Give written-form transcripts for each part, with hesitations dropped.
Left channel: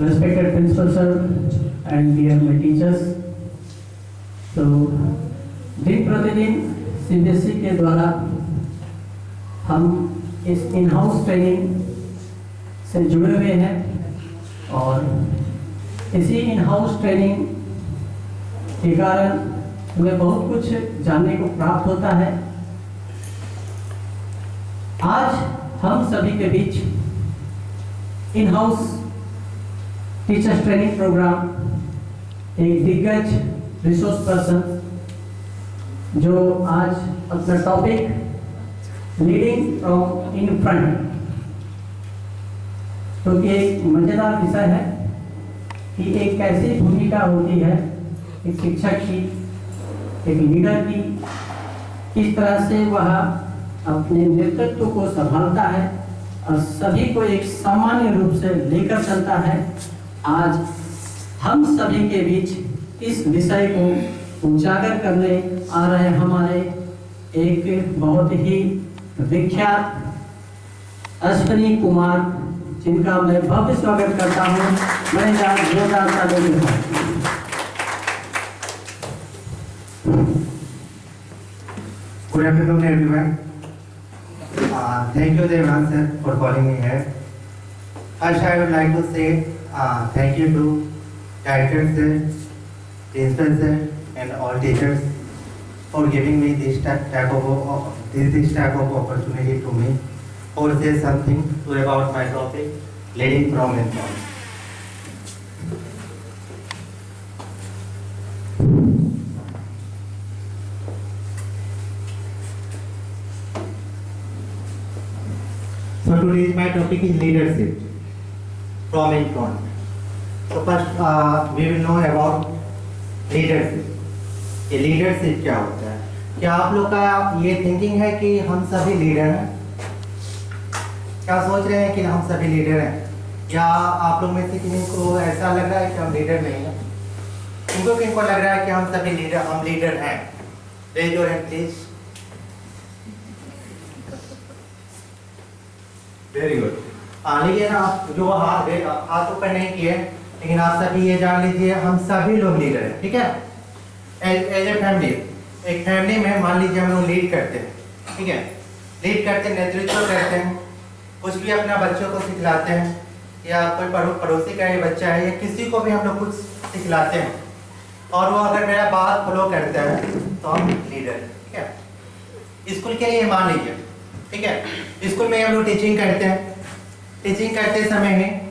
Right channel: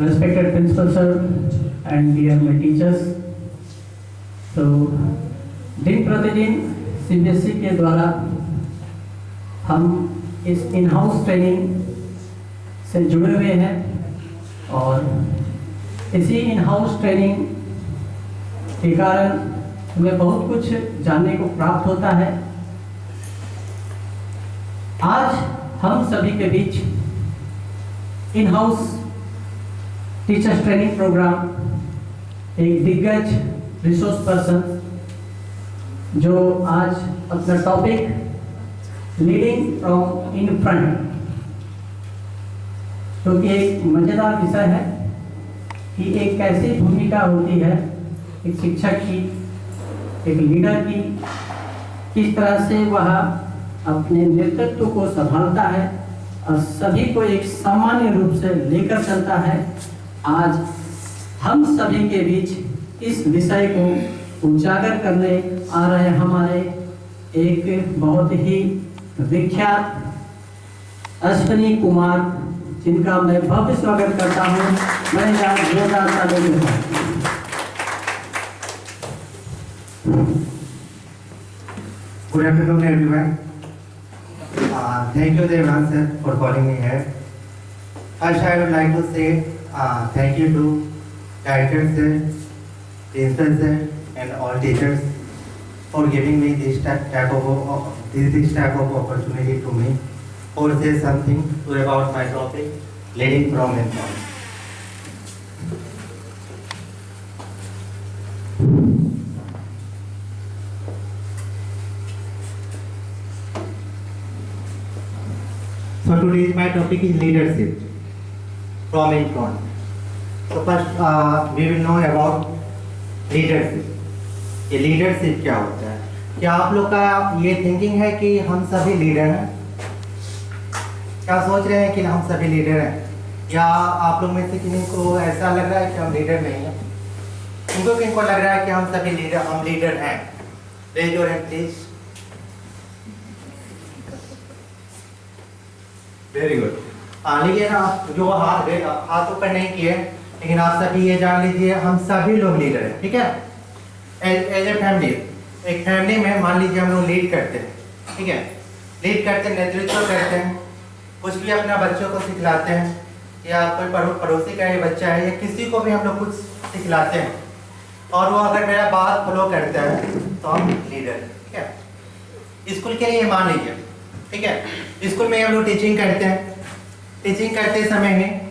respected principal sir and dear my teachers. तो दिन प्रतिदिन सीबीएसई के द्वारा हम इस इन हाउस ट्रेनिंग से जुड़े हुए हैं और इसी इन हाउस ट्रेनिंग के कारण हमें बहुत कुछ जानने को प्राप्त होता है। आज हम सभी के बीच in house teachers training programme एक दिग्गज रिसोर्स पर्सन जो आज अपना topic leading from in front, क्योंकि एक मजेदार विषय है कि एक कैसी भूमिका होती है एक शिक्षक की, एक लीडर की, किस तरह से वह अपने नेतृत्व को संभालता है और सभी को एक सामान्य रूप से लेकर चलता है। आज हम सभी के बीच इस विषय को उजागर करने आ रहे हमारे एक बहुत ही विख्यात अश्विनी कुमार, जिनका मैं भव्य स्वागत करता हूँ। मैं जोरदार तालियों के साथ। Good afternoon, everyone. Thank you, Devan sir, for calling me here. First, I would like to say thank you to director sir, principal sir, and all teachers for giving me this type of opportunity to me, or say something about my topic, leading from and from. So today my topic is leadership from in front. So first we will know about leadership. ये leadership क्या होता है? क्या आप लोग का ये thinking है कि हम सभी लीडर हैं? क्या सोच रहे हैं कि हम सभी लीडर हैं? या आप लोग में से किसी को ऐसा लग रहा है कि हम लीडर नहीं हैं? किनको लग रहा है कि हम सभी लीडर हैं? Raise your hand please. Very good. लेकिन आप जो हाथ ऊपर नहीं किए, लेकिन आप सभी ये जान लीजिए हम सभी लोग लीडर हैं, ठीक है? एज ए फैमिली, एक फैमिली में मान लीजिए हम लोग लीड करते हैं, ठीक है? लीड करते हैं, नेतृत्व करते हैं, कुछ भी अपना बच्चों को सिखलाते हैं, या कोई पड़ोसी का ये बच्चा है या किसी को भी हम लोग कुछ सिखलाते हैं और वो अगर मेरा बात फॉलो करता है तो हम लीडर हैं, ठीक है? स्कूल के लिए मान लीजिए, ठीक है? स्कूल में हम लोग टीचिंग करते हैं। टीचिंग करते समय में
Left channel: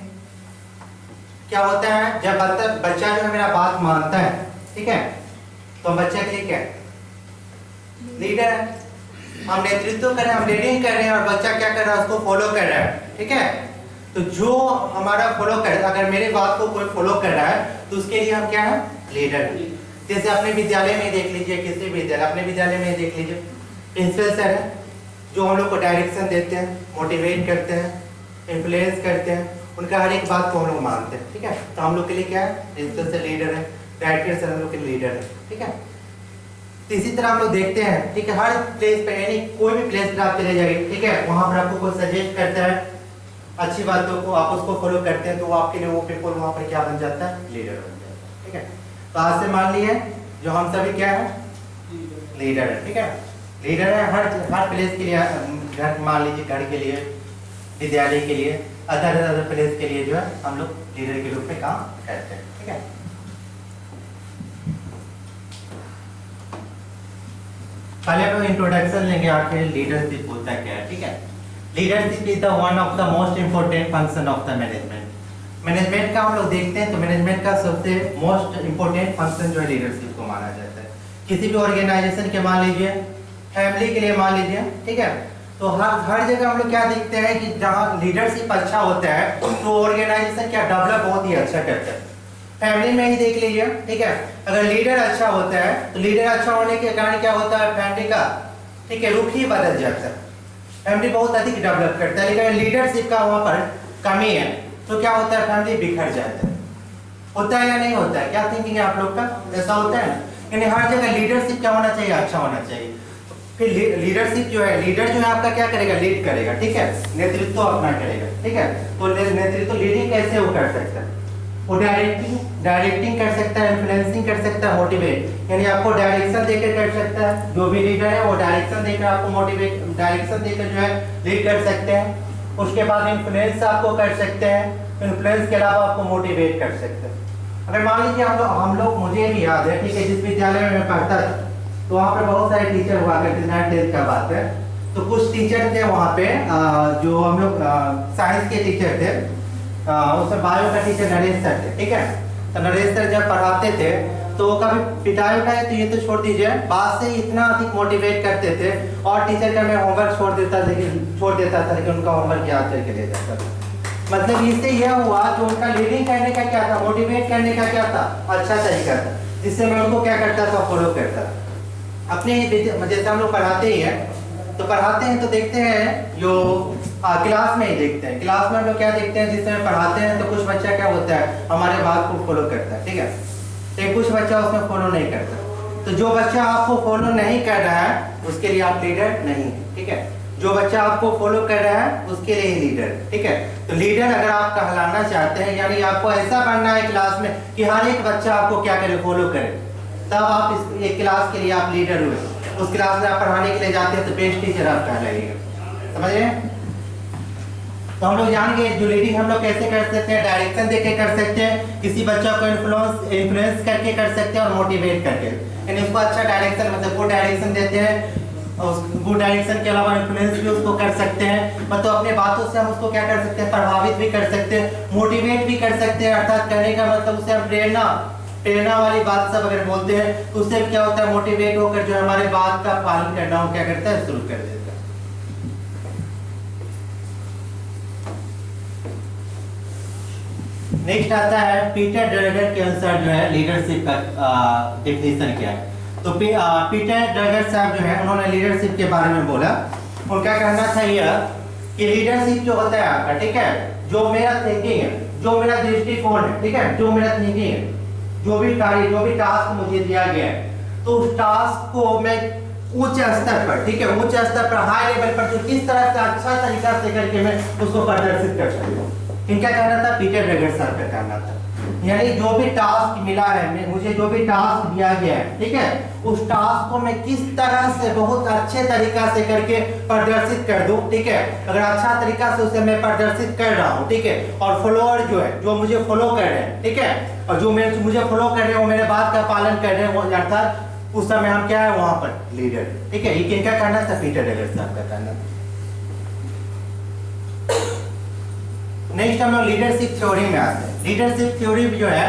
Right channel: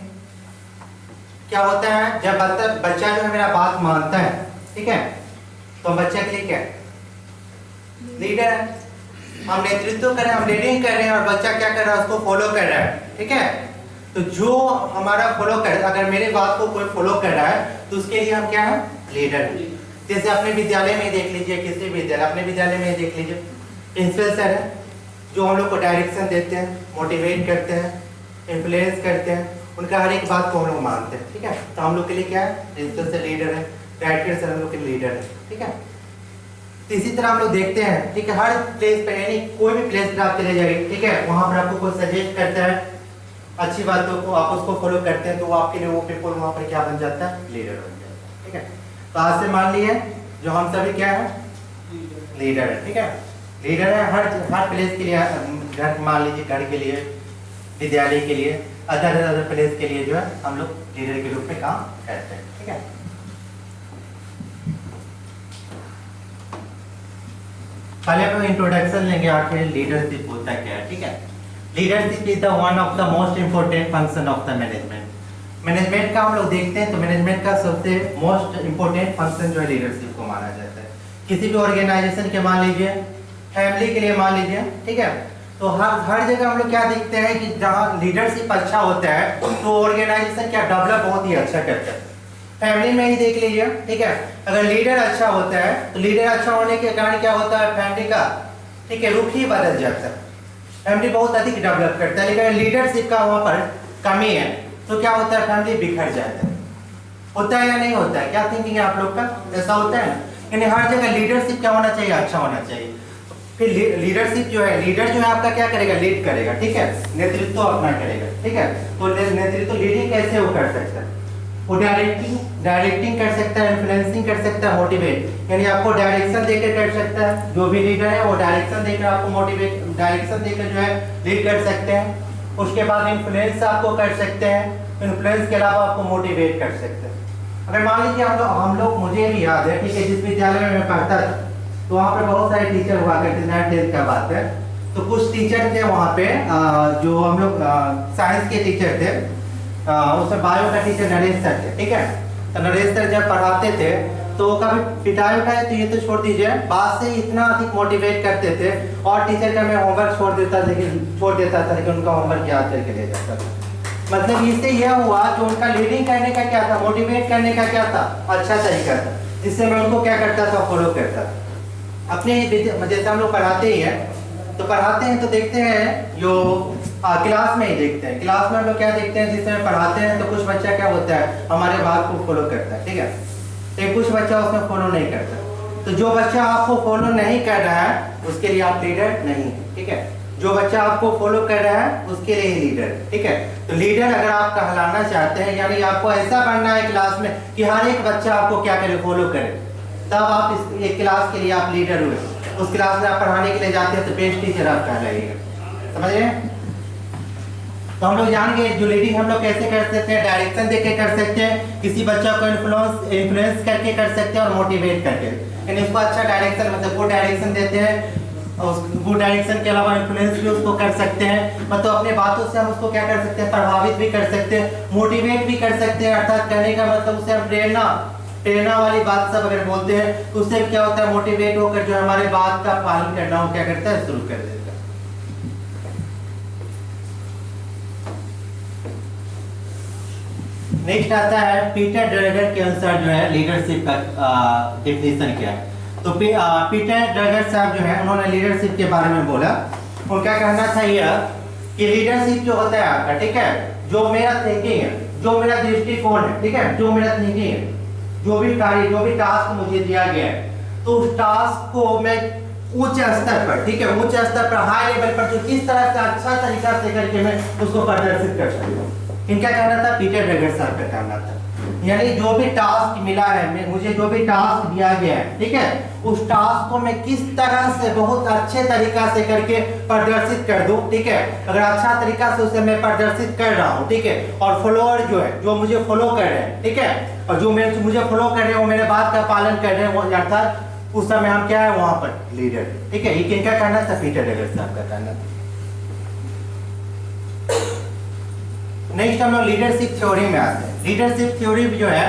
क्या होता है, जब बच्चा जो है मेरा बात मानता है, ठीक है, तो बच्चे के लिए क्या है? लीडर है। हम नेतृत्व कर रहे हैं, हम लीडिंग कर रहे हैं और बच्चा क्या कर रहा है, उसको फॉलो कर रहा है, ठीक है? तो जो हमारा फॉलो कर, अगर मेरे बात को कोई फॉलो कर रहा है तो उसके लिए हम क्या है? लीडर है। जैसे अपने विद्यालय में देख लीजिए, किसी विद्यालय, अपने विद्यालय में देख लीजिए, प्रिंसिपल सर है जो हम लोग को डायरेक्शन देते हैं, मोटिवेट करते हैं, इन्फ्लुएंस करते हैं, उनका हर एक बात को हम लोग मानते हैं, ठीक है? तो हम लोग के लिए क्या है? प्रिंसिपल सर लीडर है, डायरेक्टर सर हम लोग के लीडर है, ठीक है? तो इसी तरह हम लोग देखते हैं, ठीक है? हर प्लेस पे, यानी कोई भी प्लेस पर आप चले जाइए, ठीक है, वहाँ पर आपको कोई सजेस्ट करता है अच्छी बातों को, आप उसको फॉलो करते हैं तो वो आपके लिए वो पीपल वहाँ पर क्या बन जाता है? लीडर बन जाता है, ठीक है? तो आज से मान लिए जो हम सभी क्या है? लीडर है, ठीक है? लीडर है हर प्लेस के लिए, घर मान लीजिए, घर के लिए, विद्यालय के लिए, अदर प्लेस के लिए जो है हम लोग लीडर के रूप में काम करते हैं, ठीक है? पहले हम इंट्रोडक्शन लेंगे, आखिर लीडरशिप होता क्या है, ठीक है? Leadership is the one of the most important function of the management. Management का हम लोग देखते हैं तो मैनेजमेंट का सबसे मोस्ट इंपोर्टेंट फंक्शन जो है लीडरशिप को माना जाता है। किसी भी ऑर्गेनाइजेशन के मान लीजिए, फैमिली के लिए मान लीजिए, ठीक है, तो हर जगह हम लोग क्या देखते हैं कि जहाँ लीडरशिप अच्छा होता है तो ऑर्गेनाइजेशन क्या डेवलप बहुत ही अच्छा करता है। फैमिली में ही देख लीजिए, ठीक है, अगर लीडर अच्छा होता है तो लीडर अच्छा होने के कारण क्या होता है, फैमिली का, ठीक है, रुख ही बदल जाता है, फैमिली बहुत अधिक डेवलप करता है। लेकिन लीडरशिप का वहाँ पर कमी है तो क्या होता है, फैमिली बिखर जाता है। होता है या नहीं होता है? क्या थिंकिंग है आप लोग का? ऐसा होता है? यानी हर जगह लीडरशिप क्या होना चाहिए? अच्छा होना चाहिए। फिर लीडरशिप जो है, लीडर जो है आपका क्या करेगा? लीड करेगा, ठीक है, नेतृत्व अपना करेगा, ठीक है? तो नेतृत्व लीडिंग कैसे वो कर सकता है? वो डायरेक्टिंग कर सकता है, इन्फ्लुएंसिंग कर सकता है, मोटिवेट यानी आपको डायरेक्शन देकर कर सकता है। जो भी लीडर है वो डायरेक्शन देकर आपको मोटिवेट, डायरेक्शन देकर जो है लीड कर सकते हैं। उसके बाद इन्फ्लुएंस आपको कर सकते हैं, इन्फ्लुएंस के अलावा आपको मोटिवेट कर सकते हैं। अगर मान लीजिए हम लोग मुझे भी याद है, ठीक है, जिस विद्यालय में मैं पढ़ता था तो वहाँ पे बहुत सारे टीचर हुआ करते थे, 9th का बात है। तो कुछ टीचर थे वहाँ पे जो हम लोग साइंस के टीचर थे, उसमें बायो का टीचर नरेश सर थे, ठीक है। तो नरेश सर जब पढ़ाते थे तो कभी पिटाई उठाए तो ये तो छोड़ दीजिए, बात से इतना अधिक मोटिवेट करते थे। और टीचर का मैं होमवर्क छोड़ देता था, लेकिन उनका होमवर्क याद करके ले जाता था। मतलब इससे यह हुआ कि उनका लीडिंग करने का क्या था, मोटिवेट करने का क्या था, अच्छा तरीका था, जिससे मैं उनको क्या करता था, फॉलो करता था। अपने जैसे हम लोग पढ़ाते ही हैं तो देखते हैं जो क्लास में ही देखते हैं, क्लास में हम लोग क्या देखते हैं, जिस समय पढ़ाते हैं तो कुछ बच्चा क्या होता है, हमारे बात को फॉलो करता है, ठीक है, तो कुछ बच्चा उसमें फॉलो नहीं करता। तो जो बच्चा आपको फॉलो नहीं कर रहा है उसके लिए आप लीडर नहीं है, ठीक है। जो बच्चा आपको फॉलो कर रहा है उसके लिए ही लीडर, ठीक है। तो लीडर अगर आप कहलाना चाहते हैं, यानी आपको ऐसा बनना है क्लास में कि हर एक बच्चा आपको क्या करे, फॉलो करे, तब आप इस एक क्लास के लिए आप लीडर हुए। उस क्लास में आप पढ़ाने के लिए जाते हैं तो बेस्ट टीचर आप कहलाइएगा, समझ रहे हैं। तो हम लोग जान गए जो लीडिंग हम लोग कैसे कर सकते हैं, डायरेक्शन देके कर सकते हैं, किसी बच्चा को इन्फ्लुएंस करके कर सकते हैं, और मोटिवेट करके, यानी उसको अच्छा डायरेक्शन, मतलब वो डायरेक्शन देते हैं, वो डायरेक्शन के अलावा इन्फ्लुएंस भी उसको कर सकते हैं, मतलब अपने बातों से हम उसको क्या कर सकते हैं, प्रभावित भी कर सकते हैं, मोटिवेट भी कर सकते हैं। अर्थात कहने का मतलब उसे हम प्रेरणा वाली बात सब अगर बोलते हैं तो उससे क्या होता है, मोटिवेट होकर जो हमारे बात का पालन करना हो क्या करता है, शुरू कर देता है। नेक्स्ट आता है पीटर ड्रगर के अनुसार जो है लीडरशिप का डेफिनेशन क्या है। तो पीटर ड्रगर साहब जो है उन्होंने लीडरशिप के बारे में बोला। उनका कहना था यह कि लीडरशिप जो होता है आपका, ठीक है, जो मेरा थिंकिंग है, जो मेरा दृष्टिकोण है, ठीक है, जो मेरा थिंकिंग है, जो भी कार्य, जो भी टास्क मुझे दिया गया है, तो उस टास्क को मैं उच्च स्तर पर, ठीक है, उच्च स्तर पर, हाई लेवल पर, जो किस तरह से अच्छा तरीका से करके मैं उसको प्रदर्शित कर सकता हूँ। इनका कहना था, पीटर ड्रगर साहब का कहना था, यानी जो भी टास्क मिला है, मुझे जो भी टास्क दिया गया है, ठीक है, उस टास्क को मैं किस तरह से बहुत अच्छे तरीका से करके प्रदर्शित कर दूं, ठीक है। अगर अच्छा तरीका से उसे मैं प्रदर्शित कर रहा हूं, ठीक है, और फॉलोअर जो है, जो मुझे फॉलो कर रहे हैं, ठीक है, और जो मुझे फॉलो कर रहे हैं वो मेरे बात का पालन कर रहे हैं, वो अर्थात उस समय हम क्या है वहां पर लीडर, ठीक है। ये किनका कहना था, पीटर ड्रगर साहब का कहना था। नेक्स्ट हम लोग लीडरशिप थ्योरी में आते हैं। लीडरशिप थ्योरी जो है,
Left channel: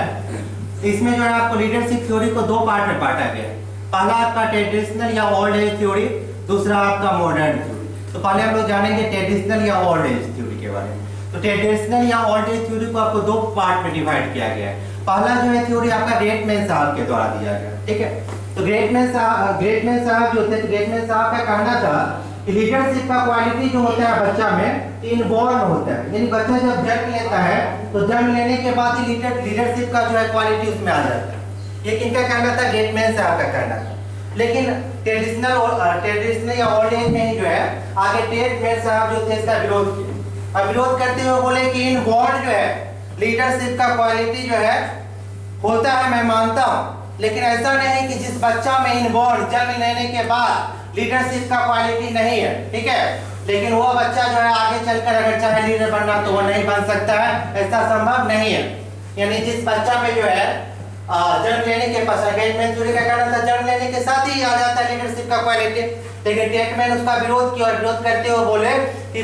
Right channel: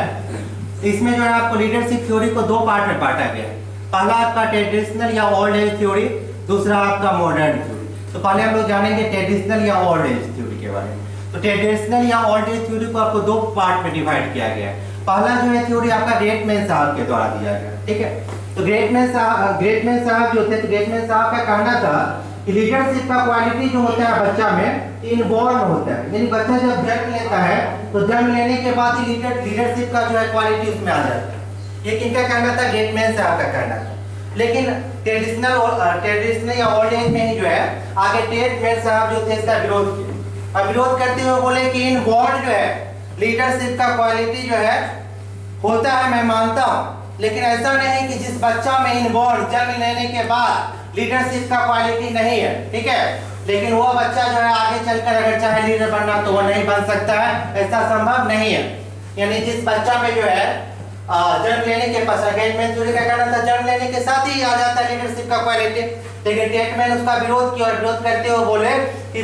इसमें जो है आपको लीडरशिप थ्योरी को दो पार्ट में बांटा गया है। पहला आपका ट्रेडिशनल या ओल्ड एज थ्योरी, दूसरा आपका मॉडर्न थ्योरी। तो पहले हम लोग जानेंगे ट्रेडिशनल या ओल्ड एज थ्योरी के बारे में। तो ट्रेडिशनल या ओल्ड एज थ्योरी को आपको दो पार्ट में डिवाइड किया गया है। पहला जो है थ्योरी आपका ग्रेटमैन साहब के द्वारा दिया गया, ठीक है। तो ग्रेटमैन साहब जो थे, ग्रेटमैन साहब का कहना था कि लीडरशिप का क्वालिटी जो होता है बच्चा में इनबॉर्न होता है, यानी बच्चा जब जन्म लेता है तो जन्म लेने के बाद ही लीडरशिप का जो है क्वालिटी उसमें आ जाता है। ये किनका कहना था, ग्रेटमैन साहब का कहना था। लेकिन ट्रेडिशनल या ओल्ड एज में ही जो है आगे ग्रेटमैन साहब जो थे इसका विरोध किया, और विरोध करते हुए बोले कि इनबॉर्न जो है लीडरशिप का क्वालिटी जो है होता है, मैं मानता हूँ, लेकिन ऐसा नहीं कि जिस बच्चा में इनबॉर्न जन्म लेने के बाद लीडरशिप का क्वालिटी नहीं है, ठीक है, लेकिन वो बच्चा जो है आगे चलकर अगर चाहे लीडर बनना तो वो नहीं बन सकता है, ऐसा संभव नहीं है। यानी जिस बच्चा में जो है जन्म लेने के पश्चात, ग्रेटमैन थ्योरी का कहना था जन्म लेने के साथ ही आ जाता है लीडरशिप का क्वालिटी, लेकिन ग्रेटमैन उसका विरोध किया, और विरोध करते हुए बोले कि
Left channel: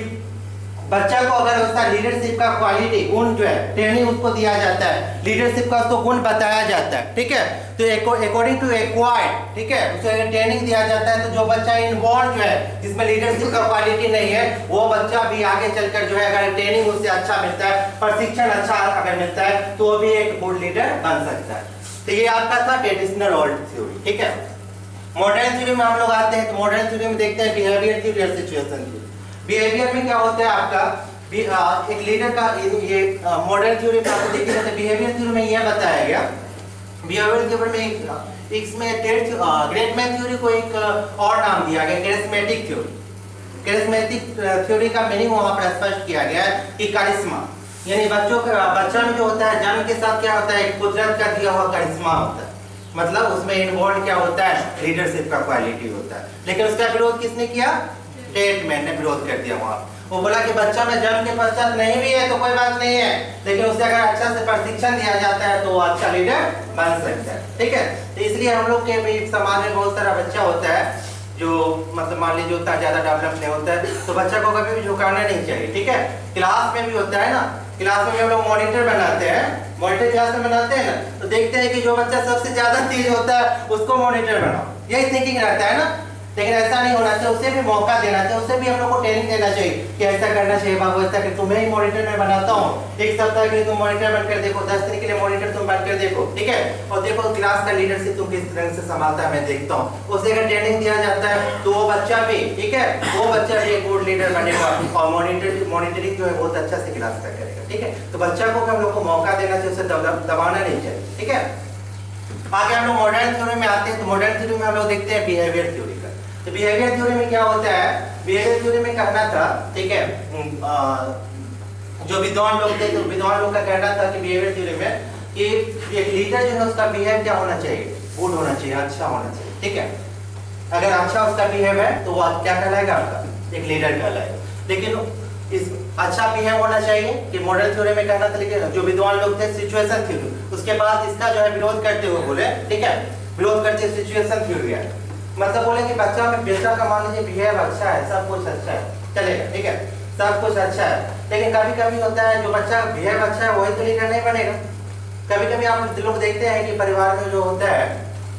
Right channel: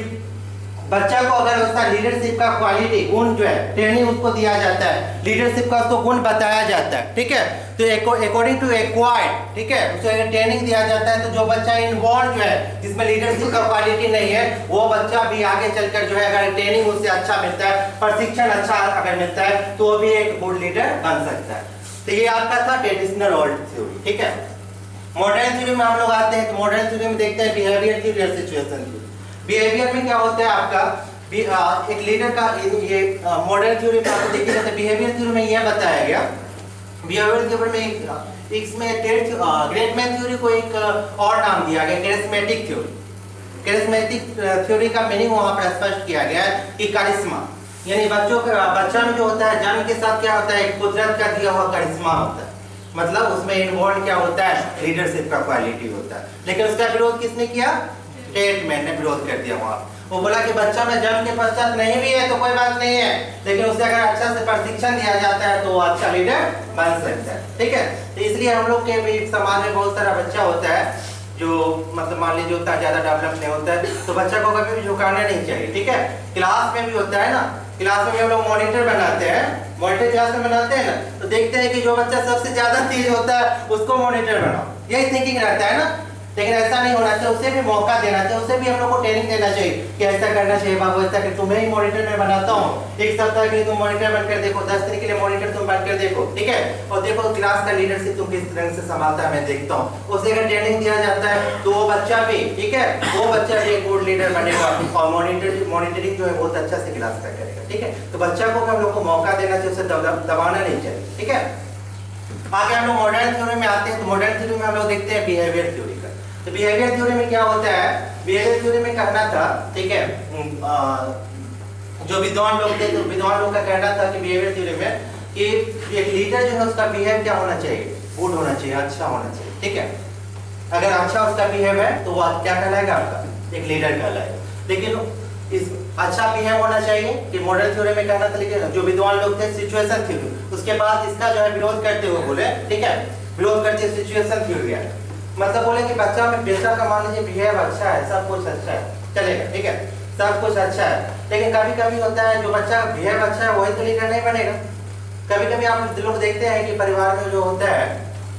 बच्चा को अगर उसका लीडरशिप का क्वालिटी गुण जो है ट्रेनिंग उसको दिया जाता है, लीडरशिप का उसको गुण बताया जाता है, ठीक है, तो अकॉर्डिंग टू एक्वायर्ड, ठीक है, उसे अगर ट्रेनिंग दिया जाता है तो जो बच्चा इनबॉर्न जो है जिसमें लीडरशिप का क्वालिटी नहीं है, वो बच्चा भी आगे चलकर जो है अगर ट्रेनिंग उससे अच्छा मिलता है, प्रशिक्षण अच्छा अगर मिलता है, तो वो भी एक गुड लीडर बन सकता है। तो ये आपका था ट्रेडिशनल ओल्ड थ्योरी, ठीक है। मॉडर्न थ्योरी में हम लोग आते हैं, तो मॉडर्न थ्योरी में देखते हैं बिहेवियर थ्योरी और सिचुएशन थ्योरी। बिहेवियर में क्या होता है आपका एक लीडर का, ये मॉडर्न थ्योरी में आपको देखिए तो बिहेवियर थ्योरी में यह बताया गया, बिहेवियर थ्योरी में इसमें ग्रेटमैन थ्योरी को एक और नाम दिया गया, कैरिस्मेटिक थ्योरी। कैरिस्मेटिक थ्योरी का मीनिंग वहां पर स्पष्ट किया गया है कि कारिश्मा, यानी बच्चा में जो होता है जन्म के साथ क्या होता है, एक कुदरत का दिया हुआ करिश्मा होता है, मतलब उसमें इन्वॉल्व क्या होता है, लीडरशिप का क्वालिटी होता है। लेकिन उसका विरोध किसने किया, टेट मैन ने विरोध कर दिया वहां। वो बोला कि बच्चा में जन्म के पश्चात नहीं भी है तो कोई बात नहीं है, लेकिन उसे अगर अच्छा से प्रशिक्षण दिया जाता है तो वो अच्छा लीडर बन सकता है। ठीक है, तो इसलिए हम लोग के भी समाज में बहुत सारा बच्चा होता है जो मतलब मान लीजिए उतना ज्यादा डेवलप नहीं होता है, तो बच्चा को कभी भी झुकाना नहीं चाहिए। ठीक है, क्लास में भी होता है ना, क्लास में भी हम लोग मॉनिटर बनाते हैं, मॉनिटर क्लास में बनाते हैं ना, तो देखते हैं कि जो बच्चा सबसे ज्यादा तेज होता है उसको मॉनिटर बनाओ, यही थिंकिंग रहता है ना। लेकिन ऐसा नहीं होना चाहिए, उसे भी मौका देना चाहिए, उसे भी हम लोग को ट्रेनिंग देना चाहिए कि ऐसा करना चाहिए बाबू, ऐसा कि तुम्हें ही मॉनिटर में बनाता हूँ, एक सप्ताह के लिए तुम मॉनिटर बनकर देखो, 10 दिन के लिए मॉनिटर तुम बनकर देखो। ठीक है, और देखो क्लास का लीडरशिप तुम किस तरह से संभालता है, मैं देखता हूँ। उसे अगर ट्रेनिंग दिया जाता है तो वो बच्चा भी, ठीक है, वो बच्चा भी एक गुड लीडर बनेगा और मॉनिटरिंग जो है बहुत अच्छा से क्लास का करेगा। ठीक है, तो बच्चा को हम लोग को मौका देना चाहिए, उसे दबाना नहीं चाहिए। ठीक है, आगे हम लोग मॉडर्न थ्योरी में आते हैं। तो मॉडर्न थ्योरी में हम लोग देखते हैं बिहेवियर थ्योरी का। तो बिहेवियर थ्योरी में क्या होता है, बिहेवियर थ्योरी में कहना था, ठीक है, जो विद्वान लोग थे, तो विद्वान लोग का कहना था कि बिहेवियर थ्योरी में कि एक लीडर जो है उसका बिहेव क्या होना चाहिए, गुड होना चाहिए, अच्छा होना चाहिए। ठीक है, अगर अच्छा उसका बिहेव है तो वो क्या कहलाएगा, आपका एक लीडर कहलाएगा। लेकिन इस अच्छा बिहेव होना चाहिए कि मॉडल थ्योरी में कहना था, लेकिन जो विद्वान लोग थे सिचुएशन थ्योरी, उसके बाद इसका जो है विरोध करते हुए बोले, ठीक है, विरोध करते सिचुएशन थ्योरी है, मतलब बोले कि बच्चा में बेटा का मान लीजिए बिहेव अच्छा है, सब कुछ अच्छा है, चलेगा, ठीक है, सब कुछ अच्छा है, लेकिन कभी कभी होता है जो बच्चा बिहेव अच्छा है वही तो लीडर नहीं बनेगा। कभी कभी आप लोग देखते हैं कि परिवार में जो होता है,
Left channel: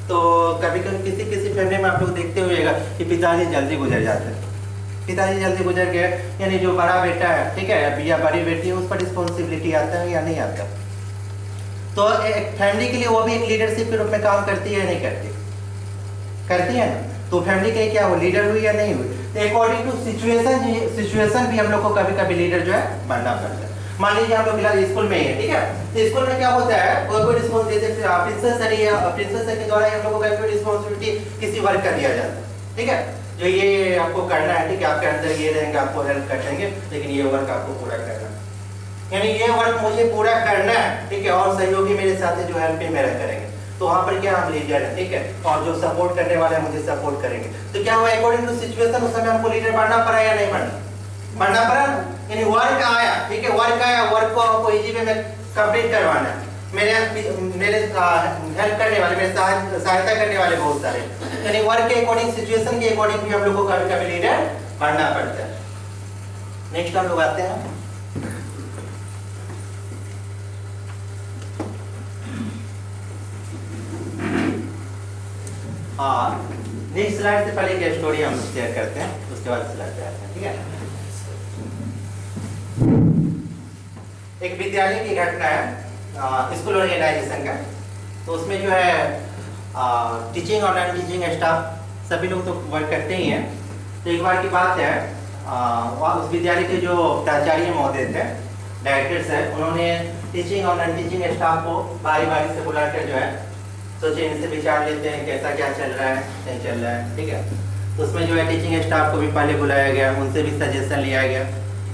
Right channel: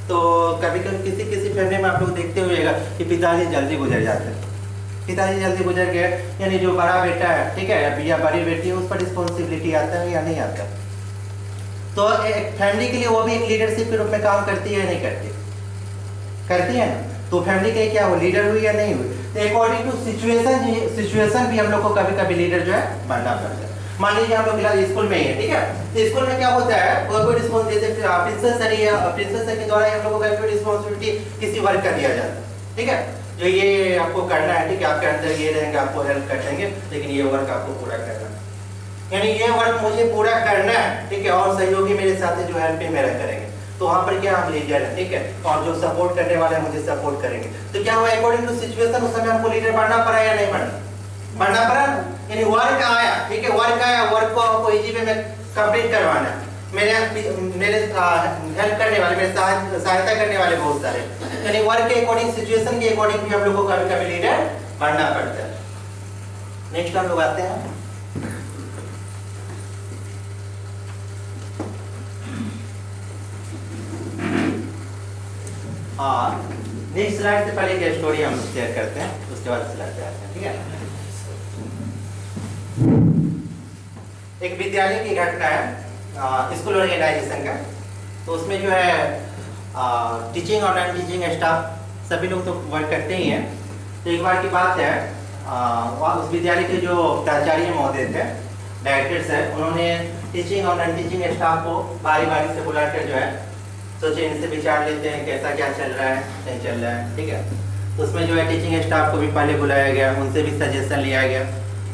तो कभी कभी किसी फैमिली में आप लोग देखते हुएगा कि पिताजी जल्दी गुजर जाते हैं, पिताजी जल्दी गुजर गए, यानी जो बड़ा बेटा है, ठीक है, या बड़ी बेटी है, उस पर रिस्पॉन्सिबिलिटी आता है या नहीं आता, तो एक फैमिली के लिए वो भी एक लीडरशिप के रूप में काम करती है या नहीं करती, करती है ना। तो फैमिली के क्या वो लीडर हुई या नहीं हुई, अकॉर्डिंग टू सिचुएशन भी हम लोग को कभी कभी लीडर जो है बनना पड़ता है। मान लीजिए हम लोग फिलहाल स्कूल में ही है, ठीक है, तो स्कूल में क्या होता है, कोई रिस्पॉन्सिबिलिटी प्रिंसिपल सर के द्वारा हम लोग को कोई रिस्पॉन्सिबिलिटी किसी वर्क का दिया जाता है, ठीक है, जो ये आपको करना है, ठीक है, आपके अंदर ये रहेंगे, आपको हेल्प कर देंगे, लेकिन ये वर्क आपको पूरा करना है, यानी ये वर्क मुझे पूरा करना है, ठीक है, और सहयोगी मेरे साथ जो हेल्प भी मेरा करेंगे, तो वहां पर क्या हम लीडर है, ठीक है, और जो सपोर्ट करने वाले हैं मुझे सपोर्ट करेंगे। तो क्या हुआ, अकॉर्डिंग टू सिचुएशन उस समय हमको लीडर बनना पड़ा या नहीं बनना पड़ा, यानी वर्क आया, ठीक है, वर्क आया, वर्क को आपको इजी वे में कंप्लीट करवाना है, मेरे हेल्प करने वाले, मेरे सहायता करने वाले बहुत सारे, यानी वर्क के अकॉर्डिंग, सिचुएशन के अकॉर्डिंग भी हम लोग को कभी कभी लीडर बनना पड़ता है। नेक्स्ट हम लोग आते हैं, नेक्स्ट स्लाइड से पहले एक स्टोरी हम शेयर करते हैं, उसके बाद स्लाइड पे आते हैं, ठीक है। एक विद्यालय की घटना है, स्कूल ऑर्गेनाइजेशन का, तो उसमें जो है टीचिंग और नॉन टीचिंग स्टाफ सभी लोग तो वर्क करते ही हैं। तो एक बार की बात है, उस विद्यालय के जो प्राचार्य महोदय थे, डायरेक्टर्स हैं, उन्होंने टीचिंग और नॉन टीचिंग स्टाफ को बारी बारी से बुलाकर जो है सोचे इनसे विचार लेते हैं कैसा क्या चल रहा है, नहीं चल रहा है, ठीक है। तो उसमें जो है टीचिंग स्टाफ को भी पहले बुलाया गया, उनसे भी सजेशन लिया गया,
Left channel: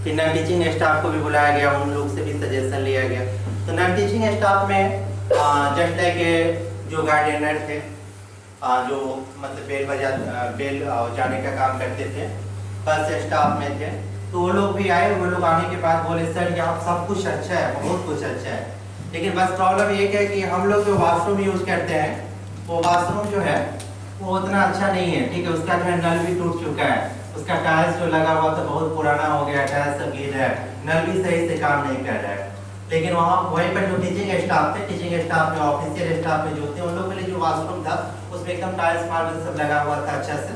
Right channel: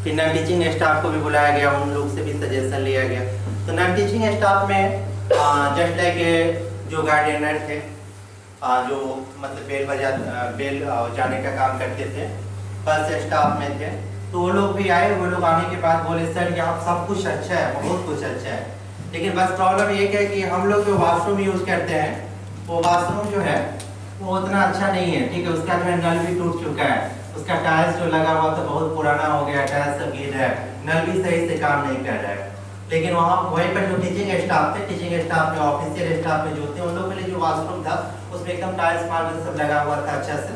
फिर नॉन टीचिंग स्टाफ को भी बुलाया गया, उन लोग से भी सजेशन लिया गया। तो नॉन टीचिंग स्टाफ में जस्ट लाइक जो गार्डियनर थे, जो मतलब बेल जाने का काम करते थे, बस स्टाफ में थे, तो वो लोग भी आए। वो लोग आने के बाद बोले सर यहाँ सब कुछ अच्छा है, बहुत कुछ अच्छा है, लेकिन बस प्रॉब्लम ये है कि हम लोग जो वाशरूम यूज करते हैं, वो वाशरूम जो है वो उतना अच्छा नहीं है, ठीक है, उसका जो है नल भी टूट चुका है, उसका टाइल्स जो लगा हुआ था बहुत पुराना हो गया, टाइल्स सब गिर रहा है, नल भी सही से काम नहीं कर रहा है। लेकिन वहाँ वहीं पर जो टीचिंग स्टाफ थे, टीचिंग स्टाफ में ऑफिशियल स्टाफ में जो थे, उन लोगों के लिए जो वाशरूम था उसमें एकदम टाइल्स मार्बल सब लगा हुआ था, अच्छा से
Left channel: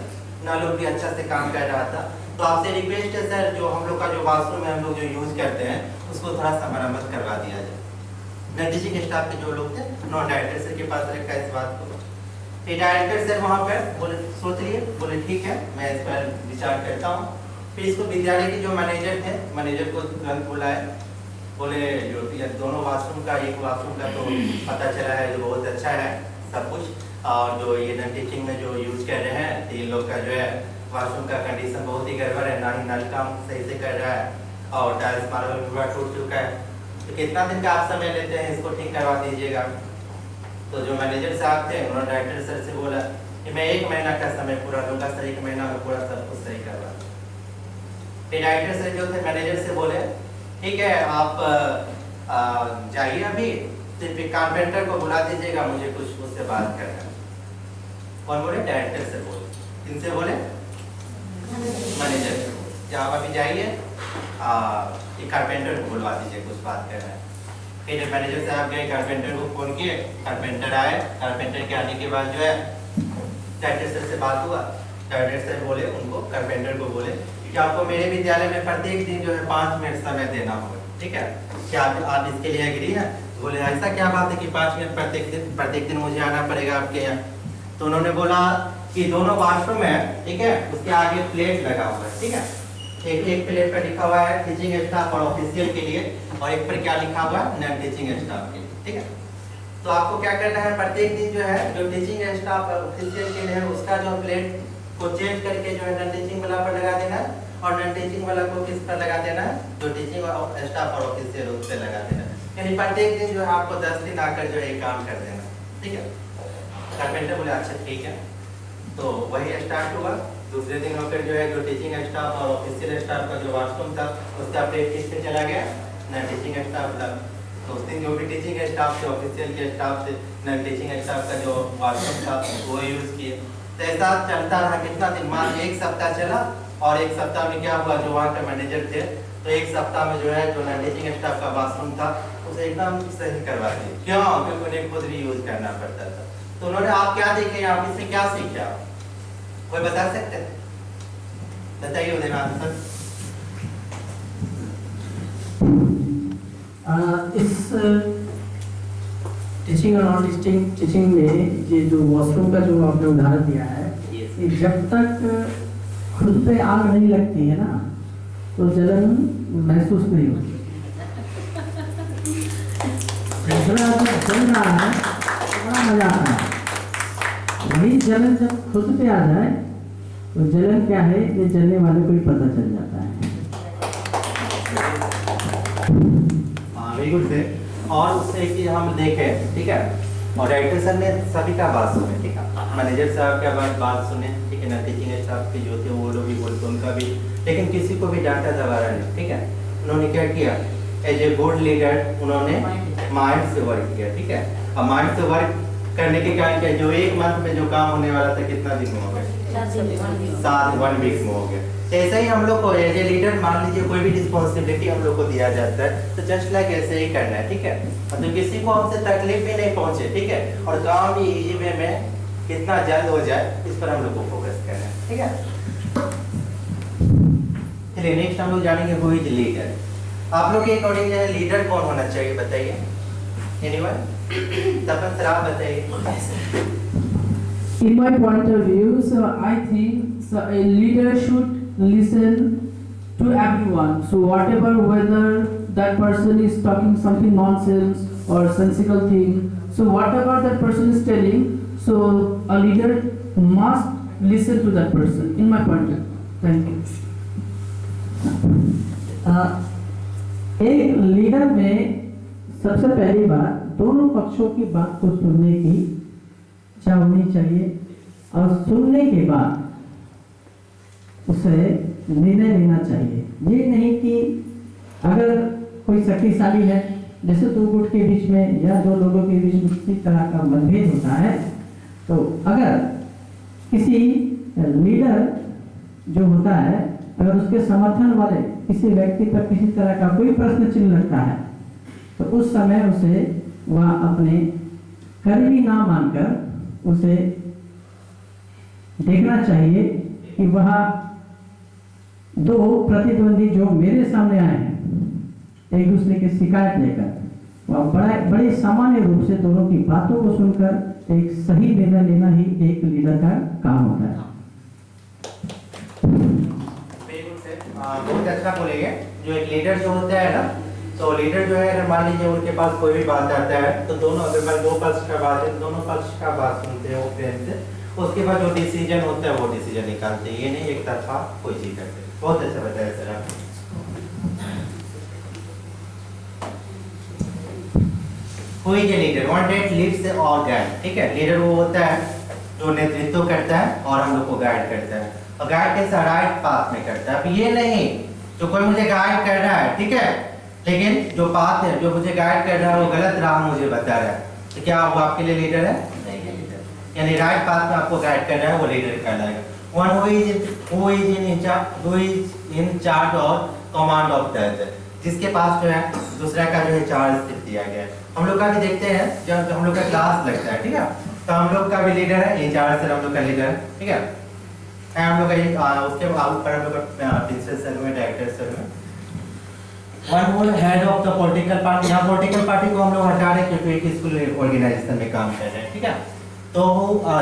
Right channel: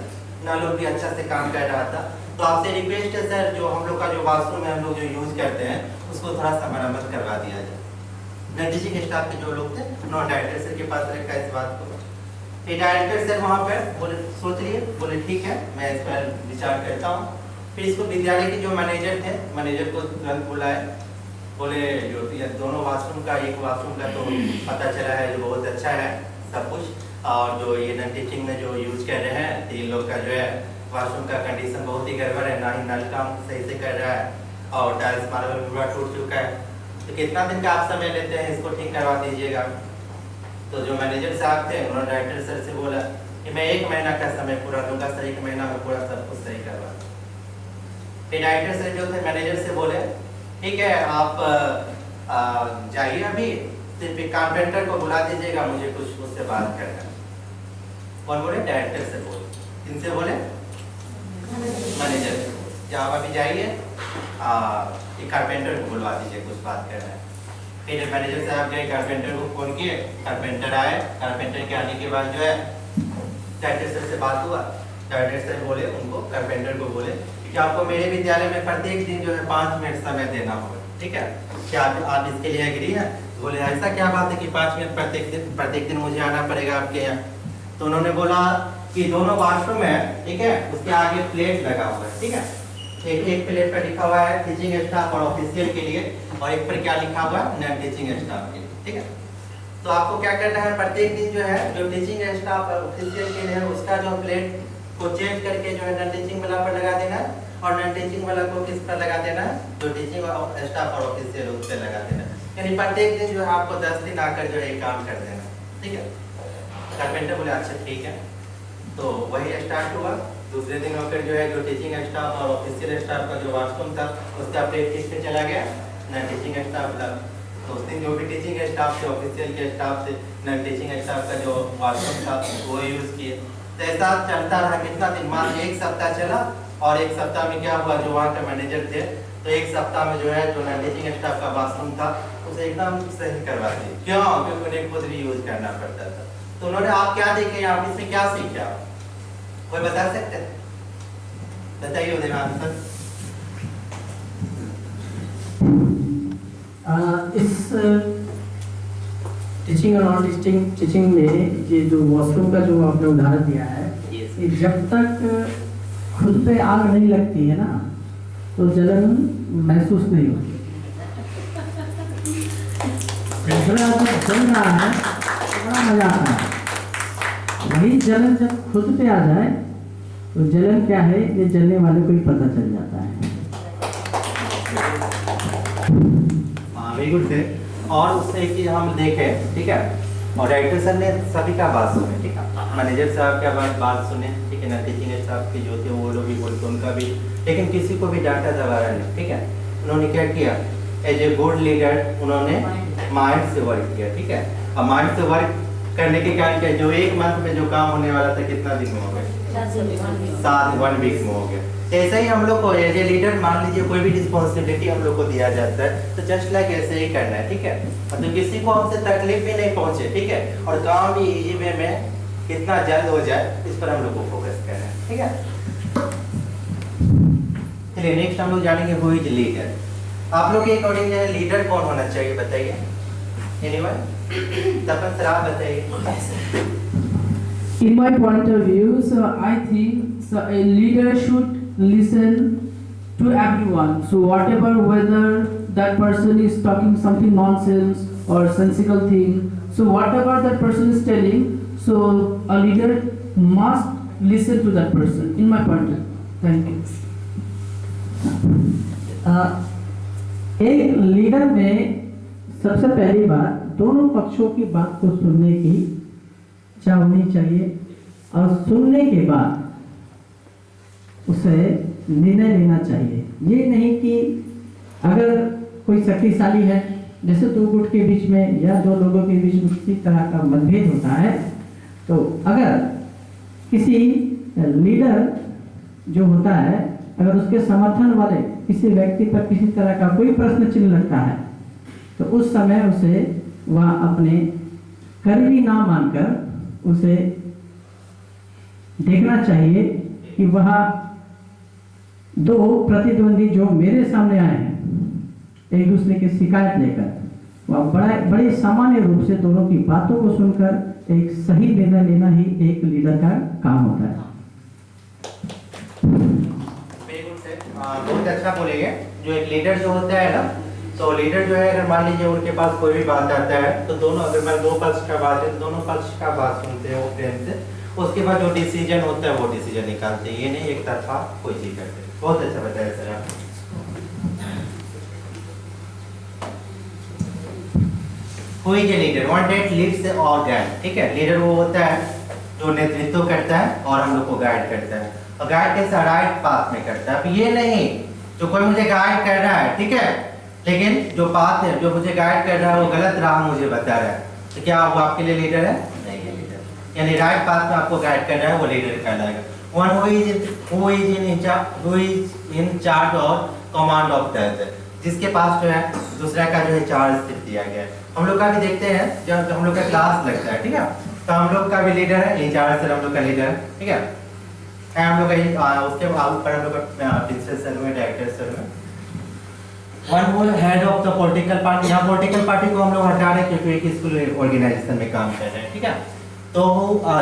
नल भी अच्छा से काम कर रहा था। तो आपसे रिक्वेस्ट है सर, जो हम लोग का जो वाशरूम है हम लोग जो यूज करते हैं उसको थोड़ा सा मरम्मत करवा दिया जाए। टीचिंग स्टाफ के जो लोग थे, नॉन डायरेक्टर सर के पास रखा इस बात को। फिर डायरेक्टर सर वहाँ पर बोले सोच लिए, बोले ठीक है मैं इस पर विचार करता हूँ। फिर इसको विद्यालय के जो मैनेजर थे, मैनेजर को तुरंत बुलाए, बोले जो दोनों वाशरूम का, एक वाशरूम का तो पता चला है जो बहुत अच्छा है सब कुछ, और जो ये नॉन टीचिंग में जो यूज कर रहे हैं, तो इन लोग का जो है वाशरूम का कंडीशन बहुत ही गड़बड़ है, ना ही नल काम सही से कर रहा है और टाइल्स मार्बल पूरा टूट चुका है। तो कितना दिन का आप समय लेते हैं इसको ठीक करवा दीजिएगा। तो जो मैनेजर साहब थे उन्होंने डायरेक्टर सर से बोला कि मैं 1 महीना का समय पूरा दूंगा सर, 1 महीना में पूरा सब कुछ सही करवा दूंगा। फिर डायरेक्टर सर जो थे मैनेजर से बोले ठीक है आप जाइए अभी, सिर्फ एक कारपेंटर को बुला दीजिएगा, मुझे कुछ उससे बात करना है। कौन बोले? डायरेक्टर से बोले। किनसे बोले? मैनेजर से बोले कि आप अभी जाइए एक कारपेंटर को बुलवा दीजिए, कुछ बात करना है। फिर मैनेजर साहब गए, कारपेंटर को फोन किए, कारपेंटर आए। कारपेंटर के आने के बाद जो है डायरेक्टर सर से बात हुआ। डायरेक्टर सर बोले उनको, कारपेंटर को बोले कि आपको मेरे विद्यालय में प्रत्येक दिन जो है 5 मिनट समय देना होगा, ठीक है? क्या आप इसके लिए एग्री है? तो बोले ऐसा क्या बात है कि 5 मिनट प्रत्येक दिन मुझे आना पड़ेगा आपके यहाँ? तो उन्होंने बोला कि दोनों वॉशरूम है, ठीक है, उसके आगे प्लेट लगा हुआ है, ठीक है, एक प्लेट पर लिखा हुआ है टीचिंग स्टाफ और ऑफिशियल के लिए, और एक पर क्या लिखा हुआ है? नॉन टीचिंग स्टाफ के लिए, ठीक है। तो आपको क्या करना है, प्रत्येक दिन जो है जो टीचिंग स्टाफ और ऑफिशियल के लिए उसका जो प्लेट को चेंज करके जो है नॉन टीचिंग वाला पर लगा देना है, और नॉन टीचिंग वाला को किस पर लगा देना है? जो टीचिंग स्टाफ और ऑफिशियल उस पर लगा देना है। यानी प्रत्येक दिन जो है आपको 10 दिन आकर जो है काम कर देना, ठीक है। कारपेंटर बोले अच्छा ठीक है। तो वही स्टार्ट हुआ। दूसरे दिन होकर जो है जो टीचिंग स्टाफ और ऑफिशियल स्टाफ का जो वॉशरूम था उसका प्लेट किस पे चला गया? नॉन टीचिंग स्टाफ था। तो उस दिन जो भी टीचिंग स्टाफ से ऑफिशियल के स्टाफ से नॉन टीचिंग स्टाफ का जो वॉशरूम था वो यूज़ किए। तो ऐसा चलता रहा कितना दिन? मान 1 सप्ताह चला, और 1 सप्ताह में क्या हुआ, जो वहाँ के मैनेजर थे तो 1 सप्ताह में जो है जो नॉन टीचिंग स्टाफ का वॉशरूम था उसे एकदम सही करवा दिए। क्यों? क्योंकि उन्हें खुद भी यूज करना पड़ता था। तो उन्होंने आप क्या देखे आप इसमें क्या सीखे? आप कोई बता सकते हैं? बताइए उदयनाथ सर। इस टीचिंग और नॉन टीचिंग में ये जो वॉशरूम का जो आपने उदाहरण दिया है, ये जब तक खुद पे आग नहीं लगती है ना तो जलन महसूस नहीं होती। दूसरा जब जल रहा है तो बड़ा मजा आता है। वही जलन जब खुद पे आ जाए तो जलन क्या है ये जलने वाले को ही पता चल जाता है। हाँ वेरी गुड थे। और उससे कि हम देखें, ठीक है, और डायरेक्टर सर ने सभी का बात सुने, ठीक है, मैनेजर साहब का बात सुने, ठीक है ना, टीचिंग स्टाफ के जो थे वो लोग भी बोलते उनका भी, लेकिन किसी को भी डांटा दबाया नहीं, ठीक है। उन्होंने क्या किया, एज ए गुड लीडर उन्होंने माइंड से वर्क किया, ठीक है। और माइंड से वर्क करने के कारण क्या, जो 1 मंथ में जो काम होने वाला था कितना दिन में हो गया? 1 वीक में हो गया। ऐसे ही हम लोग को एज ए लीडर मान लीजिए कोई भी रिस्पॉन्सिबिलिटी हम लोग को दिया जाता है तो जस्ट लाइक ऐसे ही करना है, ठीक है। तो किसी को हमसे तकलीफ भी नहीं पहुंचे, ठीक है, और काम भी इजी वे में कितना जल्द हो जाए इस पर हम लोग को फोकस करना है, ठीक है। चलिए नेक्स्ट हम लोग जानेंगे हु इज लीडर। आप लोग के अकॉर्डिंग जो है लीडर कौन होना चाहिए बताइए? एनीवन? तपन सर आप बताइए। In my point of view, so I think so a leader should listen to everyone. So whatever, whether that person is talking something nonsense or sensical thing, so whatever that person is telling, so a leader must listen to that person. In my point of view, thank you. एक leader में सबसे पहली बात दोनों पक्षों की बात को सुनने की इच्छा होनी चाहिए, और सुनने के बाद उसे निर्णय लेना चाहिए। ये नहीं कि अगर कोई शक्तिशाली है, जैसे 2 गुट के बीच में या 2 लोगों के बीच में किसी तरह का मतभेद होता है, तो अगर किसी लीडर जो होता है अगर उसके समर्थन वाले किसी व्यक्ति पर किसी तरह का कोई प्रश्न चिन्ह लगता है तो उस समय उसे वह अपने करीबी ना मानकर उसे देखना चाहिए कि वह 2 प्रतिद्वंदी जो मेरे सामने आए हैं एक दूसरे की शिकायत लेकर वह बड़े सामान्य रूप से दोनों की बातों को सुनकर एक सही निर्णय लेना ही एक लीडर का काम होता है। बहुत अच्छा बोलेंगे। जो एक लीडर जो होता है ना, तो लीडर जो है अगर मान लीजिए उनके पास कोई भी बात आता है तो दोनों, अगर मैं 2 पक्ष का बात है तो दोनों पक्ष का बात सुनते हैं वो प्रेम से, उसके बाद जो डिसीजन होता है वो डिसीजन निकालते हैं, ये नहीं एक तरफा कोई चीज करते। बहुत अच्छा बताया सर आप। Who is a leader, one that leads और गाइड, ठीक है। लीडर वो होता है जो नेतृत्व करता है और हम लोग को गाइड करता है, और गाइड कैसा राइट पाथ में करता है। अब ये नहीं जो कोई मुझे गाइड कर रहा है, ठीक है, लेकिन जो पाथ है जो मुझे गाइड कर रहा है वो गलत राह मुझे बता रहा है, तो क्या वो आपके लिए लीडर है? नहीं है लीडर। यानी राइट पाथ में आपको गाइड कर रहा है वो लीडर कहलाएगा। One who is in charge और कमांड ऑफ दैट, जिसके पास जो है दूसरा का जो है चार्ज दिया गया है। हम लोग का भी देखते हैं जब हम लोग का क्लास लगता है, ठीक है, तो हम लोग का भी लीडर है, इंचार्ज सर हम लोग का लीडर है, ठीक है। हम लोग का उसके ऊपर हम लोग का प्रिंसिपल सर में, डायरेक्टर सर में। One who head of the political party, यहाँ पॉलिटिकल पार्टी को हम लोग हटा रहे हैं क्योंकि एक स्कूल ऑर्गेनाइजेशन में काम कर रहे हैं, ठीक है। तो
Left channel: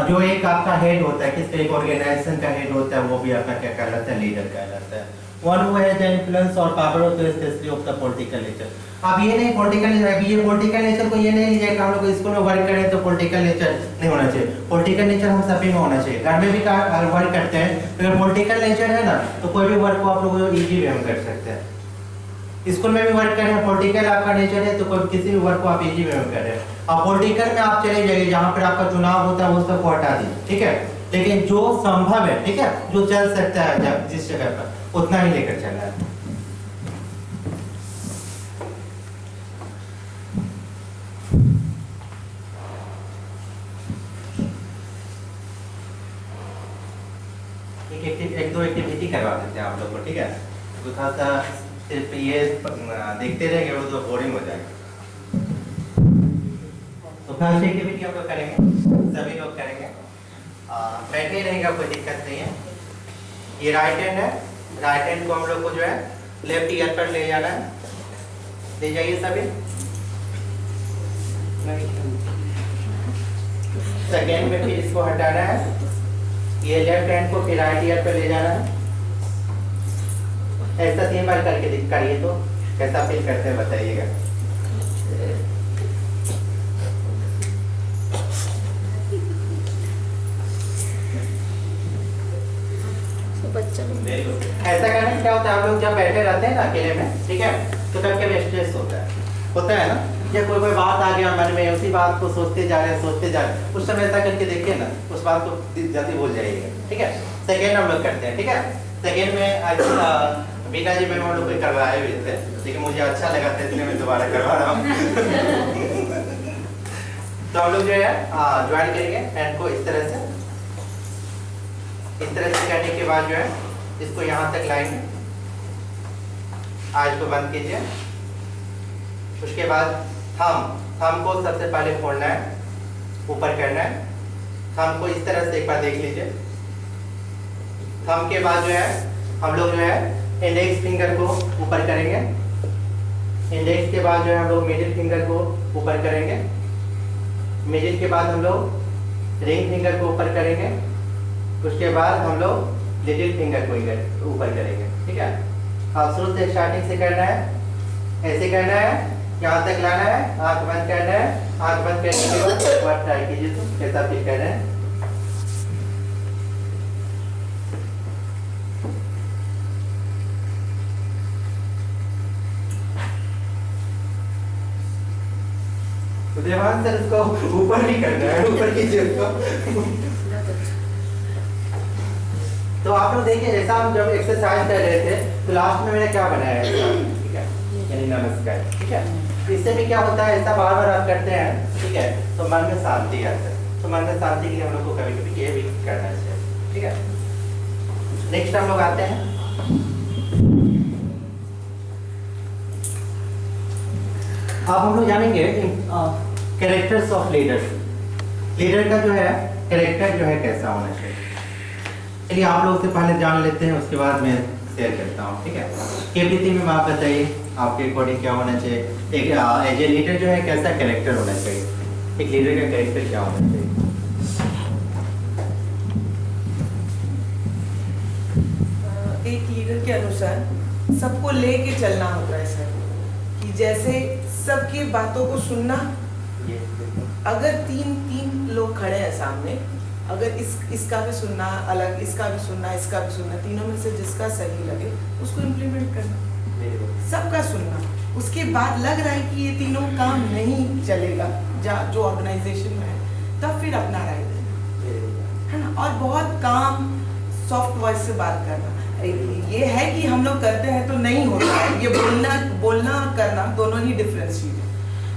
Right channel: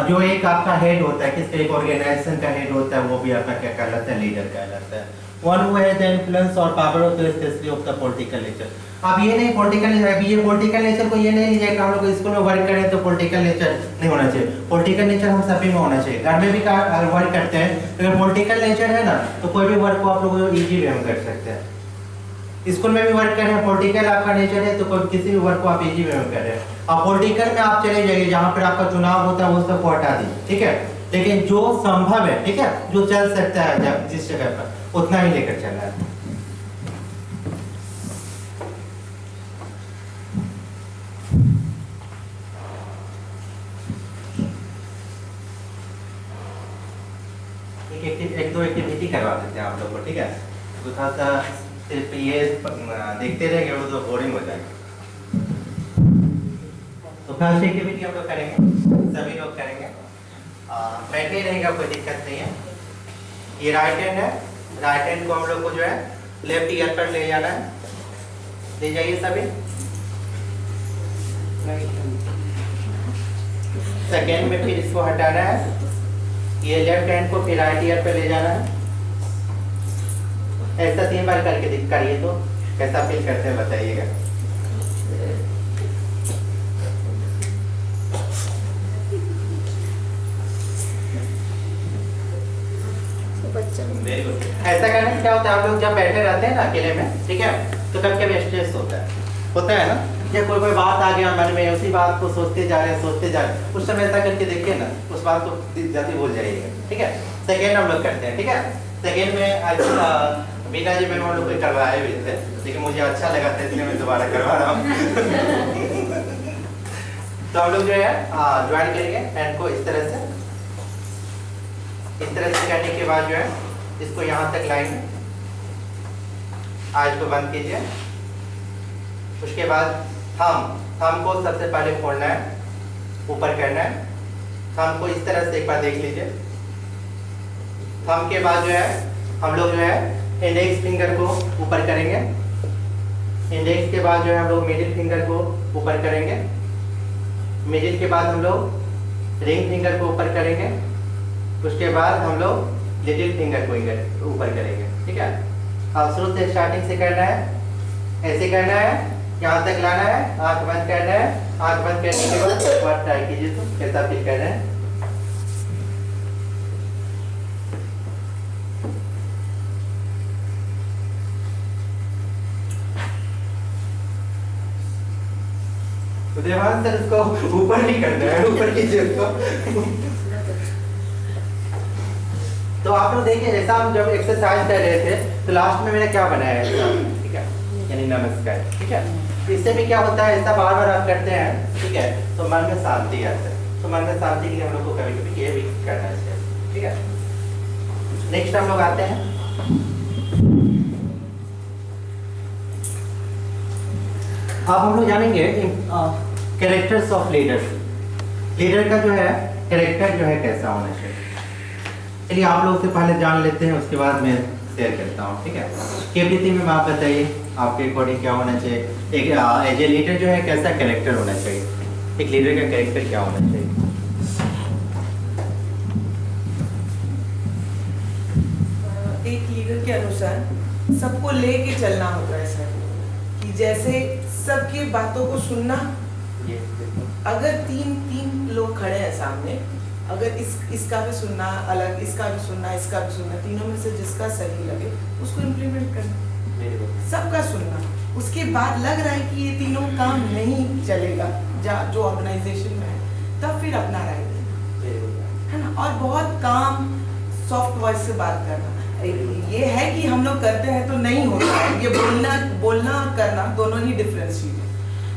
जो एक आपका हेड होता है, किसका एक ऑर्गेनाइजेशन का हेड होता है, वो भी आपका क्या कहलाता है? लीडर कहलाता है। One who has the influence और power of the specially of the political nature. अब ये नहीं पॉलिटिकल नेचर, अभी ये पॉलिटिकल नेचर को ये नहीं लीजिए कि हम लोग स्कूल में वर्क करें तो पॉलिटिकल नेचर नहीं होना चाहिए। पॉलिटिकल नेचर हम सभी में होना चाहिए। घर में भी वर्क करते हैं, अगर पॉलिटिकल नेचर है ना तो कोई भी वर्क को आप लोग इजी वे में कर सकते हैं। स्कूल में भी वर्क कर रहे हैं, पॉलिटिकल आपका नेचर है तो कोई किसी भी वर्क को आप इजी वे में कर रहे हैं। अब पॉलिटिकल में आप चले जाइए जहाँ पर आपका चुनाव होता है वो सबको हटा दी, ठीक है, लेकिन जो संभव है, ठीक है, जो चल सकता है जिस जगह पर उतना ही लेकर चलना है। एक दो एक्टिविटी करवा देते हैं आप लोग को, ठीक है, तो थोड़ा सा सिर्फ ये देखते रहेंगे वो तो बोरिंग हो जाएगा। तो फर्स्ट एक्टिविटी हम लोग करेंगे, सभी लोग करेंगे, बैठे ही रहेगा, कोई दिक्कत नहीं है। ये राइट हैंड है, राइट हैंड को हम लोग को जो है लेफ्ट ईयर पर ले जाना है, ले जाइए सभी। सेकेंड में फिर इसको हटाना है, ये लेफ्ट हैंड को फिर राइट ईयर पे ले जाना है। ऐसा 3 बार करके करिए तो कैसा फील करते हैं बताइएगा। ऐसा करने से क्या होता है, आप लोग जब बैठे रहते हैं ना अकेले में, ठीक है, तो कभी कभी स्ट्रेस होता है ना, जब कोई बात आ गया मन में, उसी बात को सोचते जा रहे हैं, उस समय ऐसा करके देखिए ना, उस बात को जल्दी भूल जाइएगा, ठीक है। सेकेंड हम लोग करते हैं, ठीक है। सेकेंड में बीना जी में हम लोग कोई करवाए भी थे, लेकिन मुझे अच्छा लगा था इसलिए मैं दोबारा करवा रहा हूँ। तो हम लोग जो है ज्वाइन करेंगे हैंड को इस तरह से करने के बाद जो है इसको यहाँ तक लाएंगे, आज को बंद कीजिए। उसके बाद थंब को सबसे पहले खोलना है, ऊपर करना है। थंब को इस तरह से एक बार देख लीजिए। थंब के बाद जो है हम लोग जो है इंडेक्स फिंगर को ऊपर करेंगे। इंडेक्स के बाद जो है हम लोग मिडिल फिंगर को ऊपर करेंगे। मिडिल के बाद हम लोग रिंग फिंगर को ऊपर करेंगे। उसके बाद हम लोग लिटिल फिंगर को ऊपर करेंगे, ठीक है। अब शुरू से स्टार्टिंग से करना है, ऐसे करना है, यहाँ तक लाना है, आंख बंद करना है। आंख बंद करने के बाद एक बार ट्राई कीजिए तो कैसा फील कर रहे हैं। देवान सर उसको ऊपर नहीं करना है, ऊपर कीजिए उसको। तो आप लोग देखिए, जैसा हम जब एक्सरसाइज कर रहे थे तो लास्ट में मैंने क्या बनाया है, ठीक है, यानी नमस्कार, ठीक है। इससे भी क्या होता है, ऐसा बार बार आप करते हैं, ठीक है, तो मन में शांति आता है। तो मन में शांति के लिए हम लोग को कभी कभी ये भी करना चाहिए, ठीक है। नेक्स्ट हम लोग आते हैं, अब हम लोग जानेंगे कैरेक्टर्स ऑफ लीडर्स। लीडर का जो है कैरेक्टर जो है कैसा होना चाहिए। चलिए आप लोग से पहले जान लेते हैं, उसके बाद मैं शेयर करता हूँ, ठीक है। केपीटी में आप बताइए आपके अकॉर्डिंग क्या होना चाहिए। एक एज ए लीडर जो है कैसा कैरेक्टर होना चाहिए, एक लीडर का कैरेक्टर क्या होना चाहिए। एक लीडर के अनुसार सबको लेके चलना होता है सर, कि जैसे सबकी बातों को सुनना। अगर तीन लोग खड़े हैं सामने, अगर इसका भी सुनना अलग, इसका भी सुनना, तीनों में से जिसका सही लगे उसको इम्प्लीमेंट करना, सबका सुनना। उसके बाद लग रहा है कि ये तीनों काम नहीं चलेगा जो ऑर्गेनाइजेशन में है, तब फिर अपना राय देना, है ना। और बहुत काम सॉफ्ट वॉइस से बात करना, ये है कि हम लोग करते हैं तो नहीं होता है, ये बोलना करना दोनों ही डिफरेंस चीज है।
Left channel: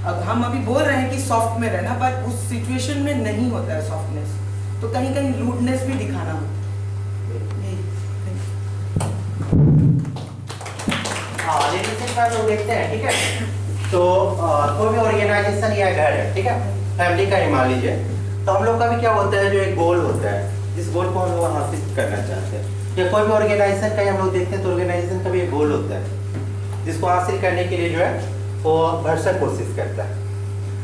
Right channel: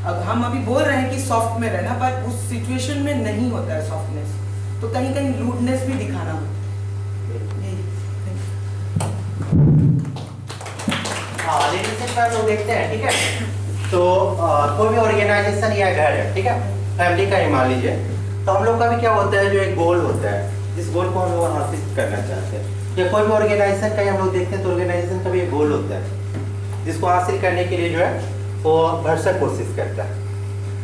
अब हम अभी बोल रहे हैं कि सॉफ्ट में रहना, पर उस सिचुएशन में नहीं होता है सॉफ्टनेस, तो कहीं कहीं रूडनेस भी दिखाना होता है। लीडरशिप का लोग देखते हैं, ठीक है। तो कोई भी ऑर्गेनाइजेशन या घर है, ठीक है, फैमिली का ही मान लीजिए, तो हम लोग का भी क्या होता है, जो एक गोल होता है, जिस गोल को हम लोग हासिल करना चाहते हैं, या कोई भी ऑर्गेनाइजेशन का हम लोग देखते हैं तो ऑर्गेनाइजेशन का भी एक गोल होता है, जिसको हासिल करने के लिए जो है वो भरसक कोशिश करता है।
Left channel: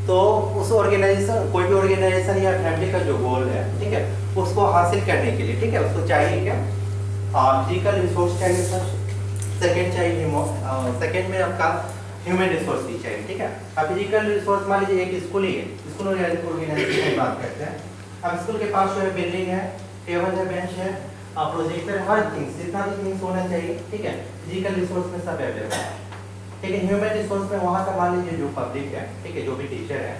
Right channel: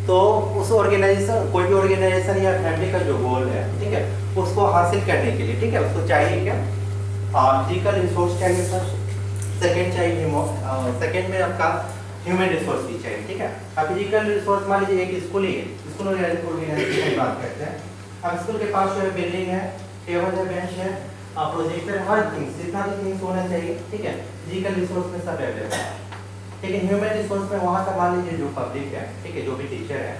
तो उस ऑर्गेनाइजेशन, कोई भी ऑर्गेनाइजेशन या फैमिली का जो गोल है, ठीक है, उसको हासिल करने के लिए, ठीक है, उसको चाहिए क्या, फिजिकल रिसोर्स चाहिए सर, सेकेंड चाहिए, सेकेंड में आपका ह्यूमन रिसोर्स भी चाहिए, ठीक है। अब फिजिकल रिसोर्स मान लीजिए एक स्कूल ही है, स्कूल ऑर्गेनाइजेशन की बात करते हैं। अब स्कूल के पास जो है बिल्डिंग है, टेबल है, बेंच है, प्रोजेक्टर, हर थिंग्स, जितना भी थिंग्स होना चाहिए, ठीक है, फिजिकल रिसोर्स में सब अवेलेबल है। लेकिन ह्यूमन रिसोर्स में वहाँ का मान लीजिए जो पब्लिक है, ठीक है, जो भी टीचर है,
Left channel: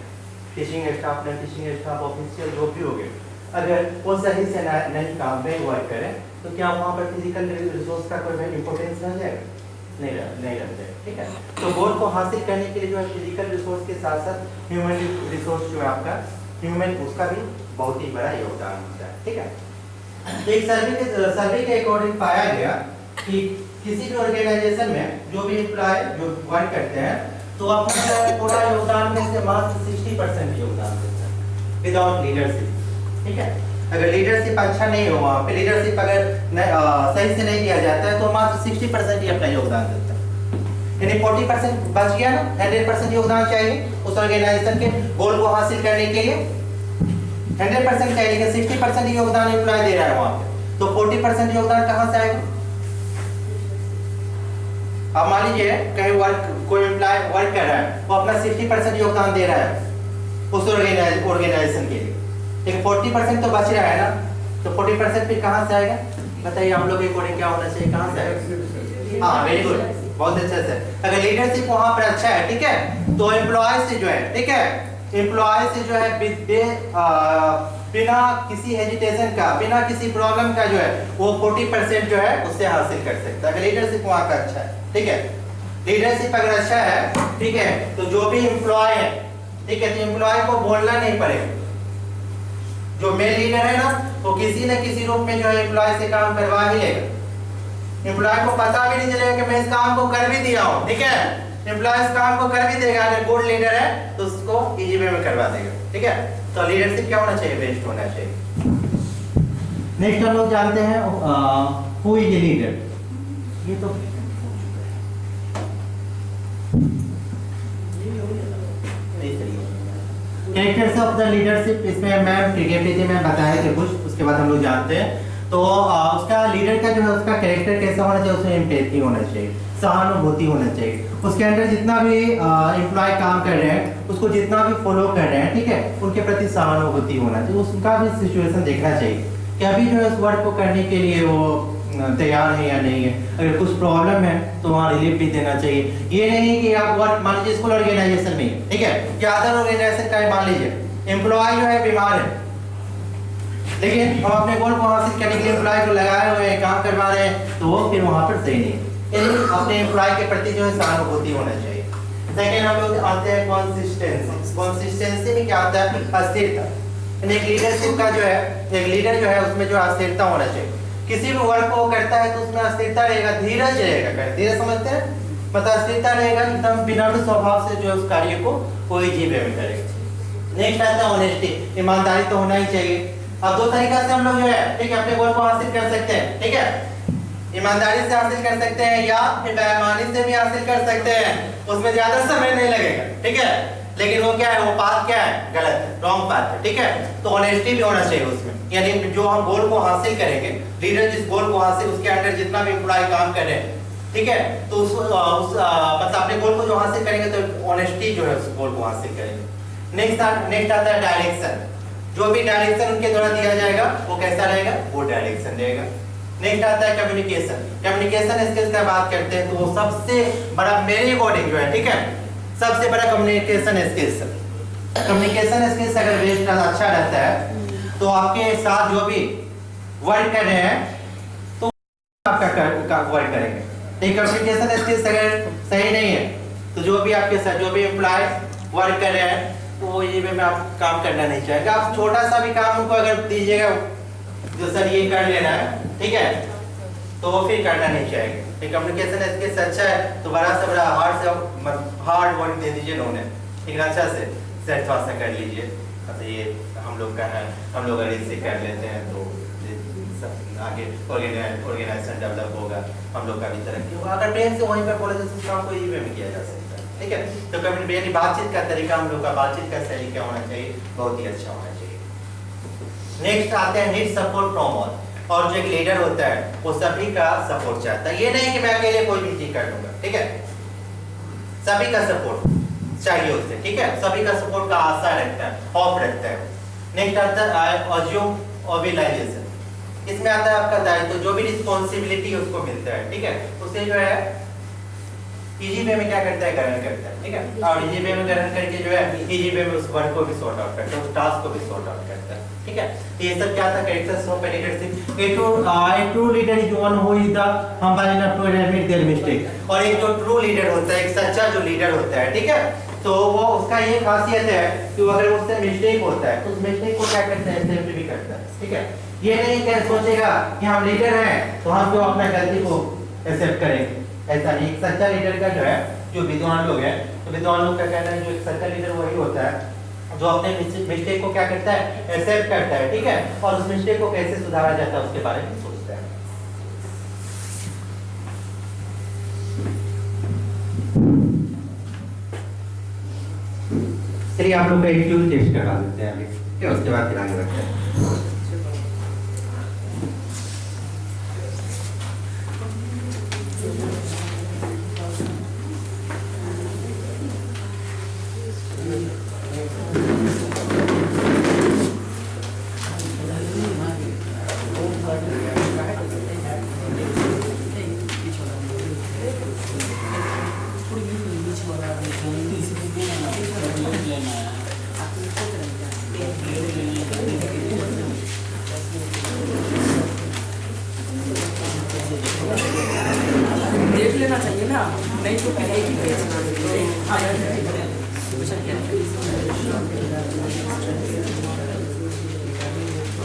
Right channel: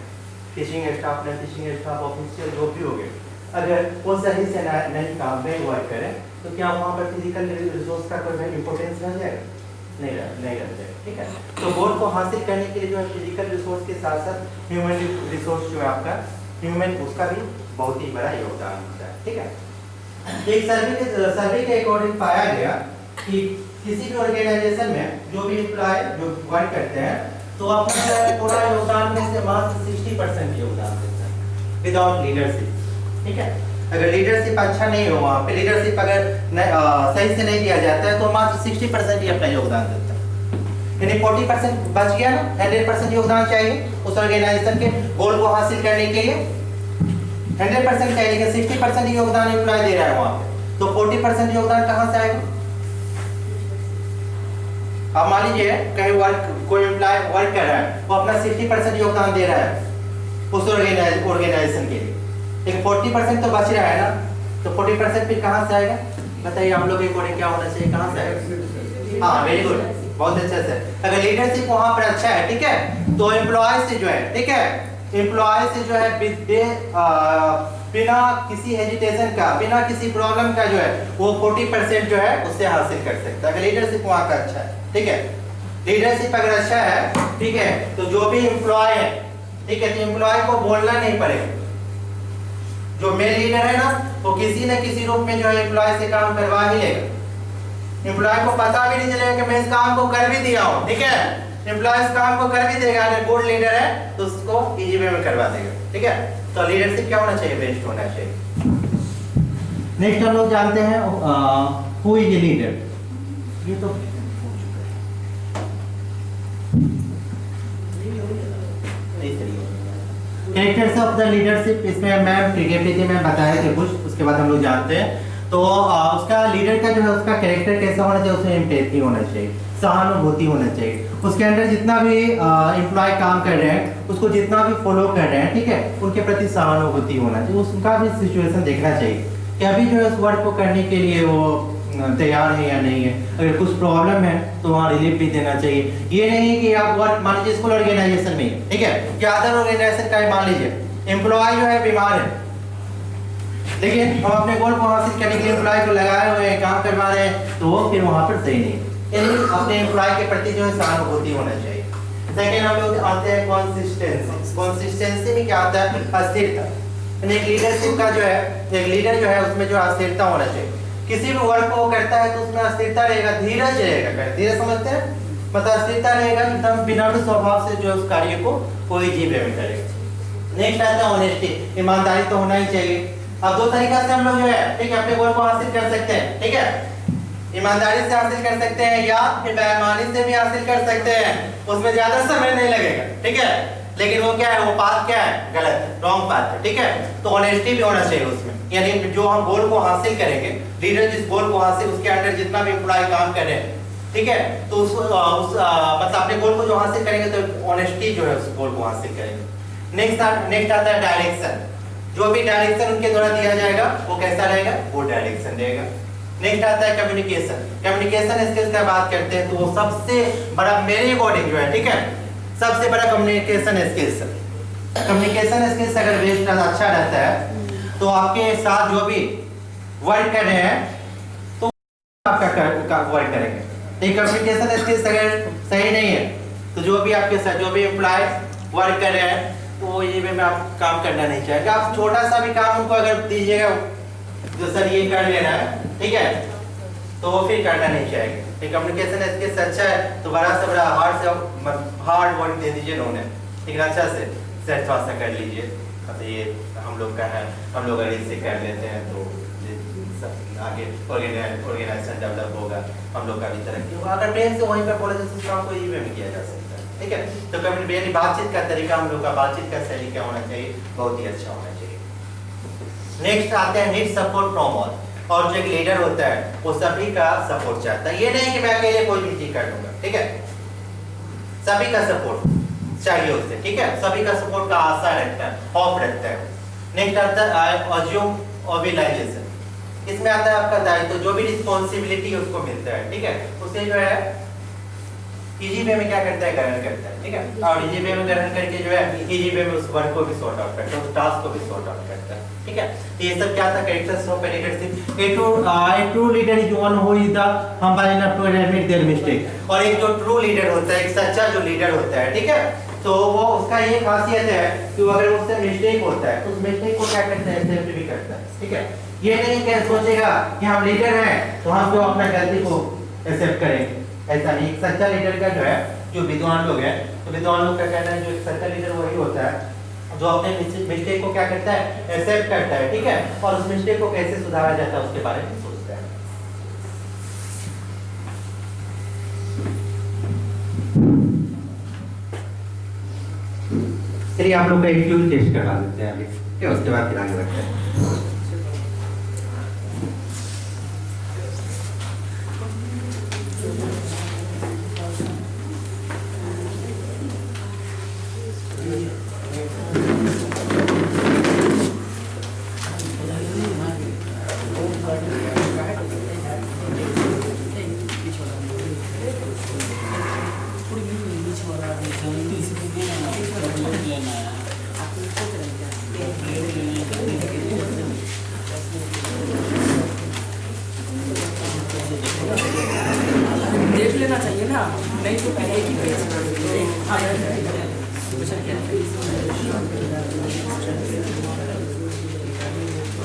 teaching staff, non teaching staff, official जो भी हो गए, अगर वो सही से नहीं काम में वर्क करें, तो क्या वहाँ पर फिजिकल रिसोर्स का कोई इम्पोर्टेंस रह जाएगा? नहीं रह जाएगा, ठीक है। तो गोल को हासिल करने के लिए जो है फिजिकल रिसोर्स के साथ साथ ह्यूमन रिसोर्स जो है आपका ह्यूमन, उसका भी बहुत ही बड़ा योगदान होता है, ठीक है। एक सर्वे के अकॉर्डिंग पाया गया कि किसी भी ऑर्गेनाइजेशन में जो भी एम्प्लॉय जो वर्क करते हैं, तो अपना पूरा योगदान में से मात्र 60% योगदान देता है विदाउट लीडरशिप, ठीक है। अगर लीडरशिप अच्छा नहीं हो, वहाँ पे लीडरशिप अगर सही से नहीं दिया जाता है, तो मात्र 60% ही अपना योगदान देता है। यानी 40% बच गया ना, 100% योगदान चाहिए उस ऑर्गेनाइजेशन के गोल को हासिल करने के लिए, 100% चाहिए, लेकिन 60% योगदान एम्प्लॉय दे रहा है वहाँ पे, तो 40% योगदान कहाँ से आएगा? अब मान लीजिए कहीं कोई एम्प्लॉय वर्क कर रहा है, वो अपना 60% योगदान दे रहा है उस ऑर्गेनाइजेशन के लिए, लेकिन 40% तो बच रहा है ना, तो 40% फिर कहाँ से आएगा? बताइए हम लोग के अकॉर्डिंग क्या होना चाहिए, कहाँ से आएगा? हाँ, वेरी गुड, बहुत अच्छे से। अगर लीडरशिप वहाँ पर अच्छा है, ठीक है, तो एम्प्लॉय से जो है, ठीक है, एम्प्लॉय से जो है बिना किसी हेजिटेशन का, बिना किसी प्रॉब्लम का जो है वो 40% जो है उससे हासिल कर सकता है, अगर लीडरशिप वहाँ का अच्छा है, ठीक है। लीडरशिप अगर अच्छा है, ठीक है, तो जो भी एम्प्लॉय है, ठीक है, तो एम्प्लॉय को बोलना नहीं पड़ेगा। जो मेन लीडर है ना, वो किसी न किसी रूप में जो है एम्प्लॉय से काम करवा ही लेगा। एम्प्लॉय को पता भी नहीं चलेगा कि मैं इस काम को कर भी दिया हूँ, ठीक है, एम्प्लॉय इस काम को कर भी देगा। अगर गुड लीडर है तो उसको इजी वे में करवा देगा, ठीक है। तो लीडरशिप क्या होना चाहिए? बेस्ट होना चाहिए। नेक्स्ट हम लोग जानते हैं हु इज ए लीडर। ये तो कैरेक्टर्स ऑफ द लीडरशिप, इसमें मैम क्रिकेट में बताए थे कुछ, उसके बाद हम लोग जानते हैं। तो उसका लीडर का जो है उसका कैरेक्टर कैसा होना चाहिए? उसमें एम्पैथी होना चाहिए, सहानुभूति होना चाहिए। उसके अंदर जितना भी एम्प्लॉय काम कर रहे हैं, उसको जितना भी फॉलो कर रहे हैं, ठीक है, उनके प्रति सहानुभूति होना चाहिए। उसका भी सिचुएशन देखना चाहिए कि अभी जो है उस वर्क को करने के लिए वो तैयार है या नहीं है। अगर कुछ प्रॉब्लम है तो वहाँ रिलीफ भी देना चाहिए। ये नहीं कि आप वर्क मान लीजिए स्कूल ऑर्गेनाइजेशन में, ठीक है, या अदर ऑर्गेनाइजेशन का मान लीजिए एम्प्लॉय जो है बीमार है, लेकिन हम अपने गोल को हासिल करने के लिए एम्प्लॉय को लगाए हुए हैं, काम करवा रहे हैं, तो वो फिर वहाँ पर सही नहीं। यानी अपने एम्प्लॉय के प्रति जो है सहानुभूति होना चाहिए। सेकेंड हम लोग आते हैं कॉन्सिस्टेंसी। कॉन्सिस्टेंसी में क्या आता है? अस्थिरता। यानी एक लीडरशिप का जो है, एक लीडर जो है उसमें जो अस्थिरता होना चाहिए। किसी भी वर्क को करता है तो उसमें अस्थिरता रहेगा, धीरज रहेगा। धीरज समझते हैं, मतलब अस्थिरता रहेगा, एकदम विनम्र स्वभाव से जो है उस कार्य को कोई जीवे में करेगा। नेक्स्ट आता है ऑनेस्टी, ईमानदारी तो होना ही चाहिए। अब दो तरीका से हम लोग जो है, ठीक है, अपने गोल को हासिल कर सकते हैं, ठीक है, ईमानदारी से हासिल कर सकते हैं या फिर बेईमानी से भी हासिल कर सकते हैं। उसमें ज्यादा समय नहीं लगेगा, ठीक है, लेकिन वो क्या है, वो पाथ क्या है? गलत है, रॉन्ग पाथ है, ठीक है। तो ऑनेस्टी भी होना चाहिए उसमें, यानी जो हम गोल को हासिल करेंगे, लीडर जिस गोल को हासिल, उसके अंडर जितना भी एम्प्लॉय काम कर रहे हैं, ठीक है, तो उस मतलब अपने गोल को जो हासिल करेंगे तो ऑनेस्टी जो है उस गोल को हासिल करेंगे। नेक्स्ट आता है डायरेक्शन। जो भी डायरेक्शन उनके द्वारा दिया जाएगा वो कैसा रहेगा? वो डायरेक्शन रहेगा। नेक्स्ट आता है कम्युनिकेशन। कम्युनिकेशन स्किल्स की बात करते हैं तो वो सबसे बड़ा मेरे अकॉर्डिंग जो है, ठीक है, सबसे बड़ा कम्युनिकेशन स्किल्स। कम्युनिकेशन स्किल्स अगर बेस्ड अच्छा रहता है तो आपके साथ जो भी वर्क कर रहे हैं तो आपका वर्क करेंगे। लेकिन कम्युनिकेशन स्किल्स अगर सही नहीं है तो जो भी आपके साथ जो भी एम्प्लॉय वर्क कर रहे हैं तो वो ये में आप काम करना नहीं चाहेंगे। आप छोटा सा भी काम उनको अगर दीजिएगा, जो सर ये कर लेना है, ठीक है, तो वो फिर करना नहीं चाहेंगे। कम्युनिकेशन स्किल्स अच्छा है तो बड़ा से बड़ा हार्ड वर्क दे दीजिए उन्होंने, लेकिन अच्छा से सेट थोड़ा सा कर लीजिए। मतलब ये हम लोग का है, हम लोग अगर इससे कर लेते हैं तो सब आगे ऑर्गेनाइजेशन डेवलप होगा, हम लोग का भी तरक्की होगा। अगर ब्रेन से वहीं पर बोले तो काम को ये में किया जा सकता है, ठीक है। तो कम्युनिकेशन बातचीत का तरीका, हम लोग का बातचीत का तरीका होना चाहिए, बहुत ही अच्छा होना चाहिए। नेक्स्ट आते हैं नीड सपोर्ट फ्रॉम ऑल। और जो एक लीडर होता है वो सभी का सपोर्ट चाहता है। ये नहीं कि मैं अकेले कोई भी चीज कर लूंगा, ठीक है, सभी का सपोर्ट चाहिए उससे, ठीक है, सभी का सपोर्ट का आशा रखता है, होप रखता है। नेक्स्ट आता है अज्यूम ऑर्गेनाइजेशन। इसमें आता है आपका दायित्व, जो भी रिस्पॉन्सिबिलिटी उसको मिलता है, ठीक है, उसे जो है इजी वे में क्या करता है, ग्रहण करता है, ठीक है, और इजी वे में ग्रहण करके जो है इजी वे में उस वर्क को भी सॉर्ट आउट करता है, उस टास्क को भी सॉर्ट आउट करता है, ठीक है। तो ये सब क्या था, characters of leadership. A true leader is one who is the humble enough to admit their mistake. और एक जो ट्रू लीडर होता है, एक सच्चा जो लीडर होता है, ठीक है, तो वो उसका ये खासियत है कि वो अगर उससे मिस्टेक होता है तो उस मिस्टेक को क्या करता है, एक्सेप्ट भी करता है, ठीक है। ये नहीं कि सोचेगा कि हम लीडर हैं तो हम जो अपना गलती को एक्सेप्ट करेंगे, ऐसा नहीं। एक सच्चा लीडर का जो है, जो विद्वान लोग हैं, तो विद्वान लोग का कहना है जो एक सच्चा लीडर वही होता है जो अपने मिस्टेक को क्या करता है, एक्सेप्ट करता है, ठीक है, और उस मिस्टेक को कैसे सुधारा जाता है उसके बारे में सोचता है। चलिए आप लोग का एक ट्यून टेस्ट करवा देते हैं अभी, ठीक है, उसके बाद फिर आगे बढ़ते हैं। देख लेना चाहिए ना, नहीं तो पहले ही पेज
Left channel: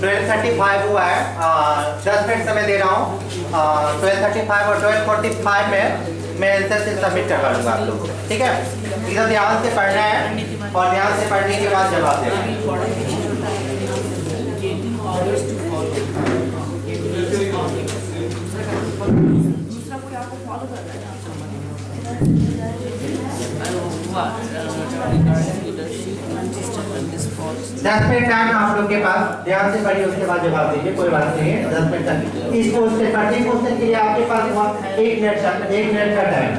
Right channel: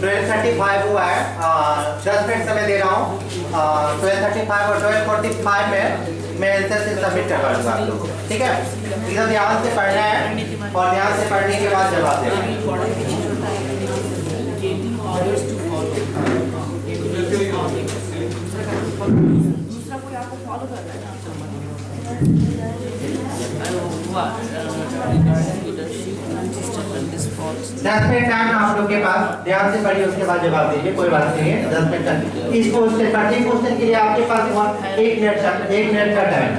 12:35 हुआ है, 10 मिनट समय दे रहा हूँ। 12:35 और 12:45 में मैं आंसर से सबमिट करवा दूंगा आप लोग, ठीक है। एकदम ध्यान से पढ़ना है और ध्यान से पढ़ने के बाद जवाब देना है। दूसरा कोई आपको फॉलो कर रहा है ना, 10 मिनट टाइम आप लोग के पास, ध्यान से पढ़िए, उसके बाद जवाब दीजिए, कोई बात नहीं है। 10 मिनट तक इस क्वेश्चन प्रत्येक क्वेश्चन के लिए आपके पास 1 मिनट का टाइम।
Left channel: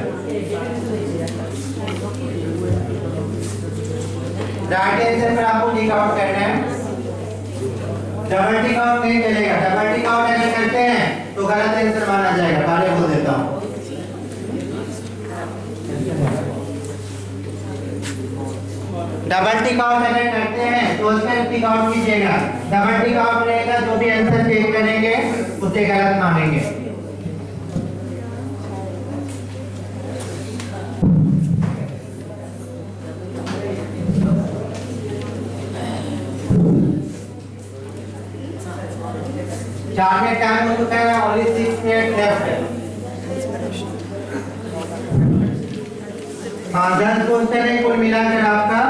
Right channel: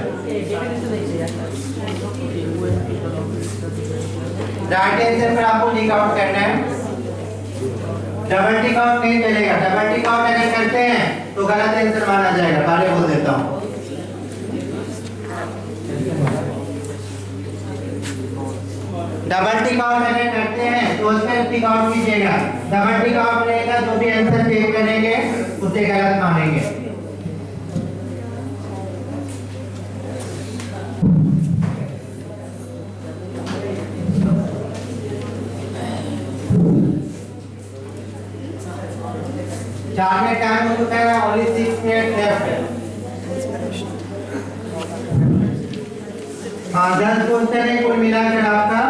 राइट आंसर पर आपको टिक आउट करना है, डबल टिक आउट नहीं चलेगा। डबल टिक आउट अगर करते हैं तो गलत आंसर माना जाएगा, पहले बोल देता हूँ। डबल टिक आउट अगर करते हैं तो उसमें टिक आउट कीजिएगा। डबल टिक आउट रहेगा, जो भी आंसर चेक करेंगे उसे गलत मानेंगे। चार मिनट टाइम हो चुका है, ओनली 6 मिनट लेफ्ट है। 10 क्वेश्चन है कुल मिलाकर आपका,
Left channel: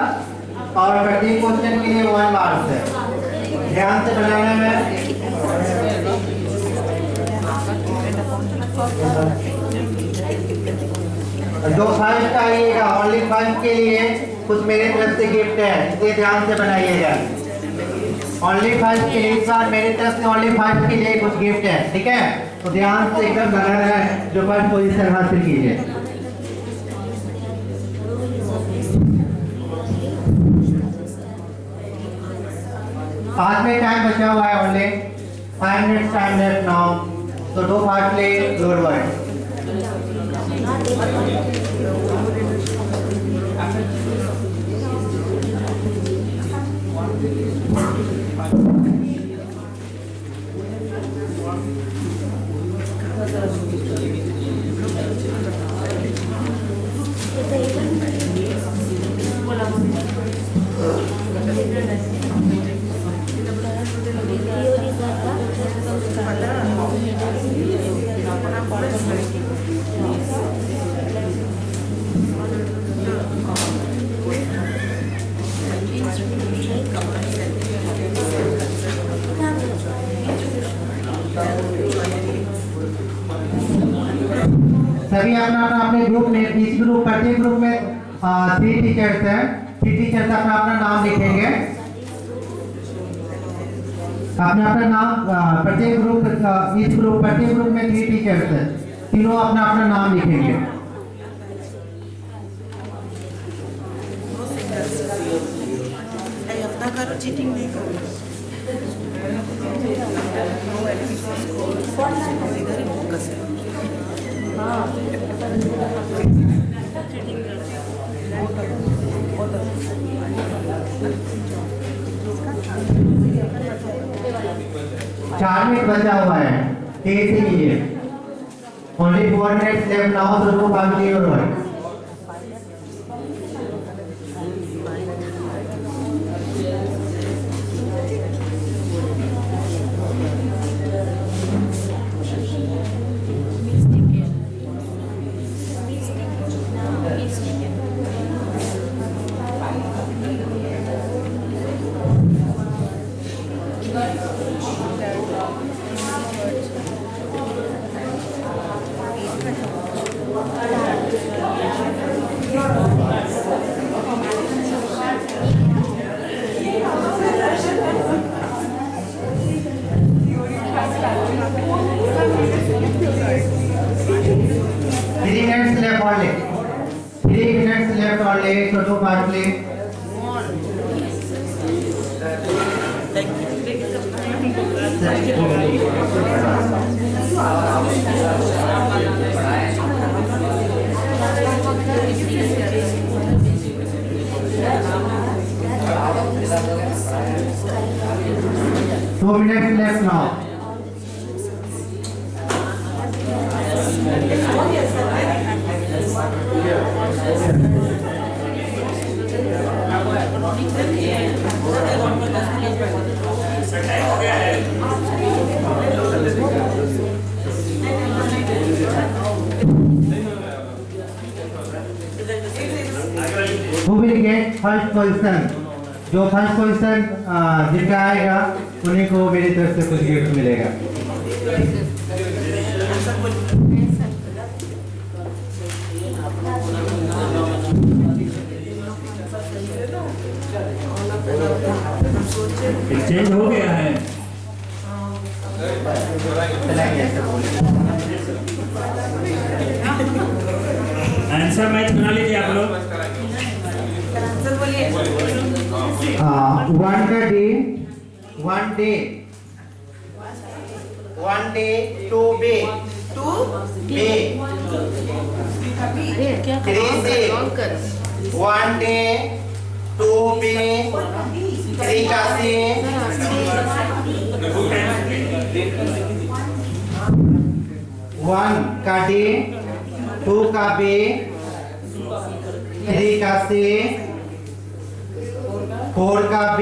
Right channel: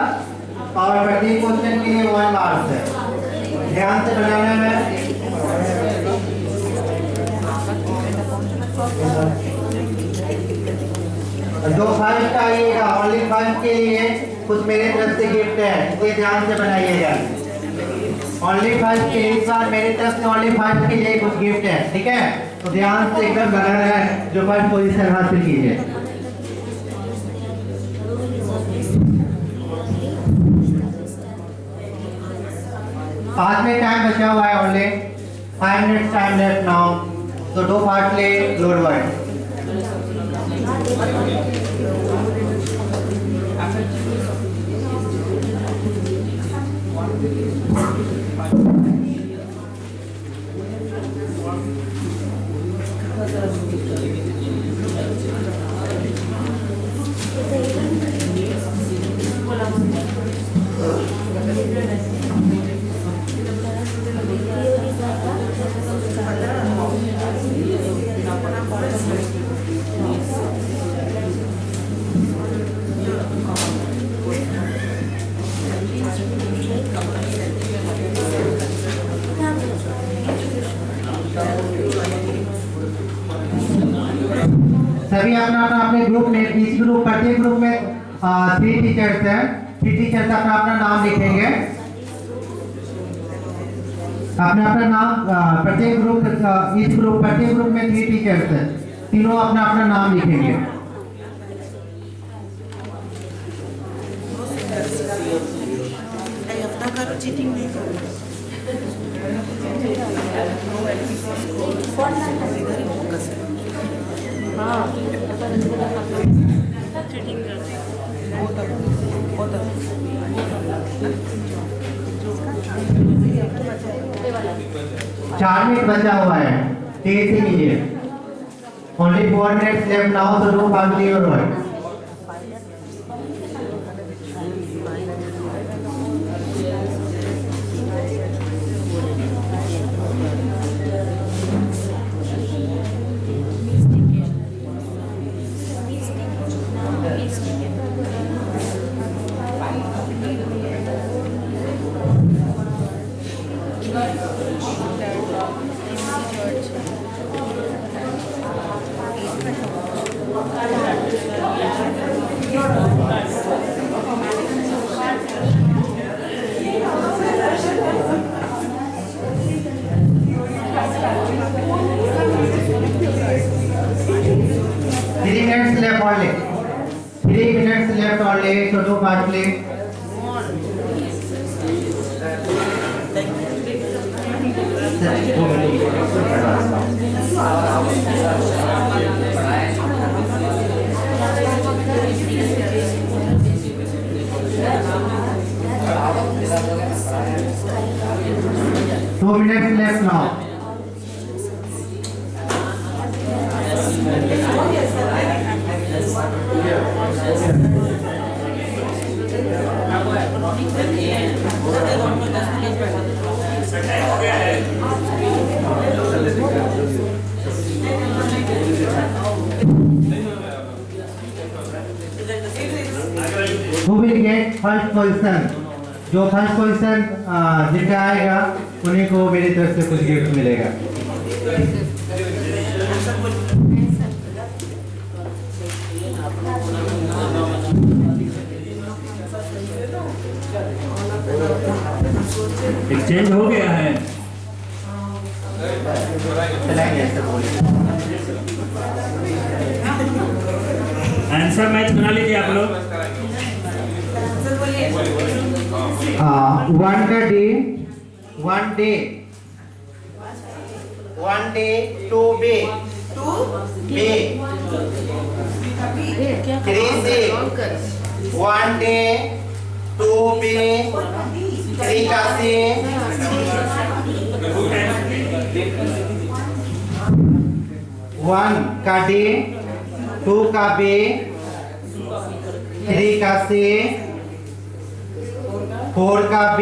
और प्रत्येक क्वेश्चन के लिए 1 मार्क्स है। ध्यान से बनाना है। जो फर्स्ट आइएगा ओनली फर्स्ट के लिए कुछ मेरे तरफ से गिफ्ट है, इसे ध्यान से बनाइएगा। ओनली फर्स्ट के लिए इस बार मेरे तरफ से ओनली फर्स्ट के लिए कुछ गिफ्ट है, ठीक है, तो ध्यान से एकदम बनाना है। जो फर्स्ट पोजीशन हासिल कीजिए। पाँच मिनट टाइम बचा हुआ है, only 5 minutes time left now. तो दो पार्ट ले लोअर वर्ड। सभी अपना अपना अपने ग्रुप में, इस ग्रुप प्रत्येक ग्रुप में 3 टीचर्स हैं। 3 टीचर्स अपना अपना नाम लिखेंगे। अपना अपना नाम प्रत्येक ग्रुप, इस ग्रुप प्रत्येक ग्रुप में 3 टीचर्स हैं, तीनों अपना अपना नाम लिखेंगे। अपना करो, चीटिंग नहीं करो। इधर ही फोकस है। चार मिनट बचा हुआ है, तेज से कीजिए। Only 4 minutes left now, so don't forget your word. So do part play. Two minutes left now. Who will get first position? जो फर्स्ट पोजीशन जिनका आएगा उन्हीं को मेरी तरफ से कुछ गिफ्ट मिलेगा। एक्सचेंज हो गया है। आंसर मैच बना लीजिए आप लोग। one day to be 3C 1 day to be 3 का C 1 का D 2 का B 3 का C 4 का B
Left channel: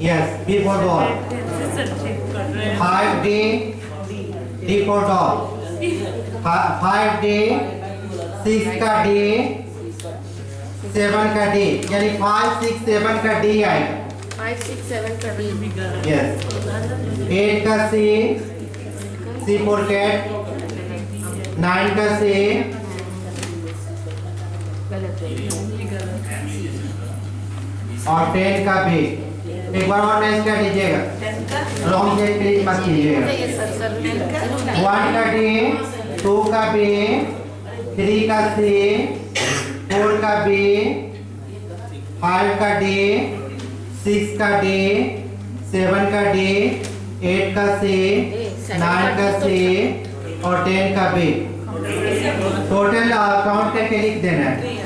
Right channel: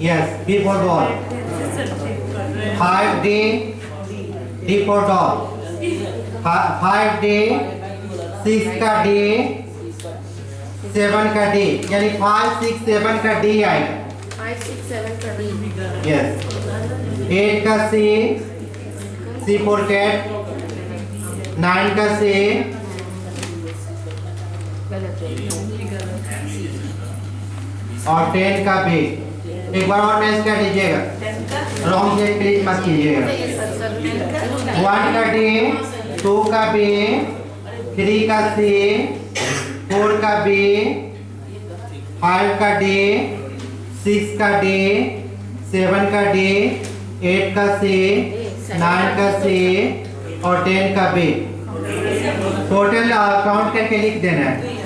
yes B for ball 5 D D for dog 5 D 6 का D 7 का D यानी 5 6 7 का D आएगा 5 6 7 का D yes 8 का C C for cat 9 का C और 10 का B एक बार और मैच कर लीजिएगा रॉन्ग से प्लीज मत कीजिएगा 1 का D 2 का B 3 का C 4 का B 5 का D 6 का D 7 का D 8 का C 9 का C और 10 का B टोटल काउंट करके लिख देना है।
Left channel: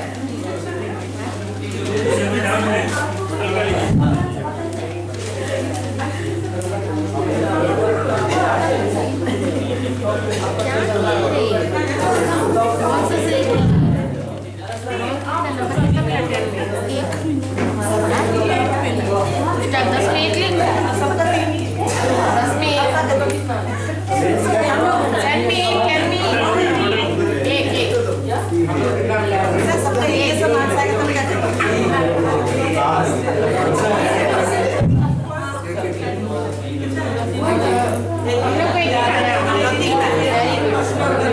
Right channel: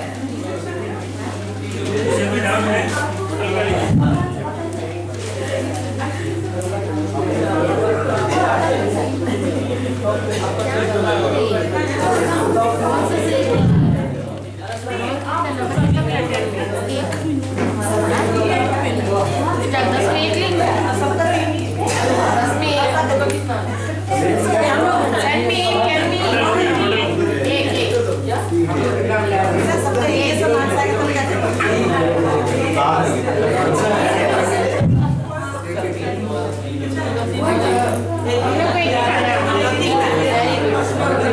सबका ये समान सा है तो क्या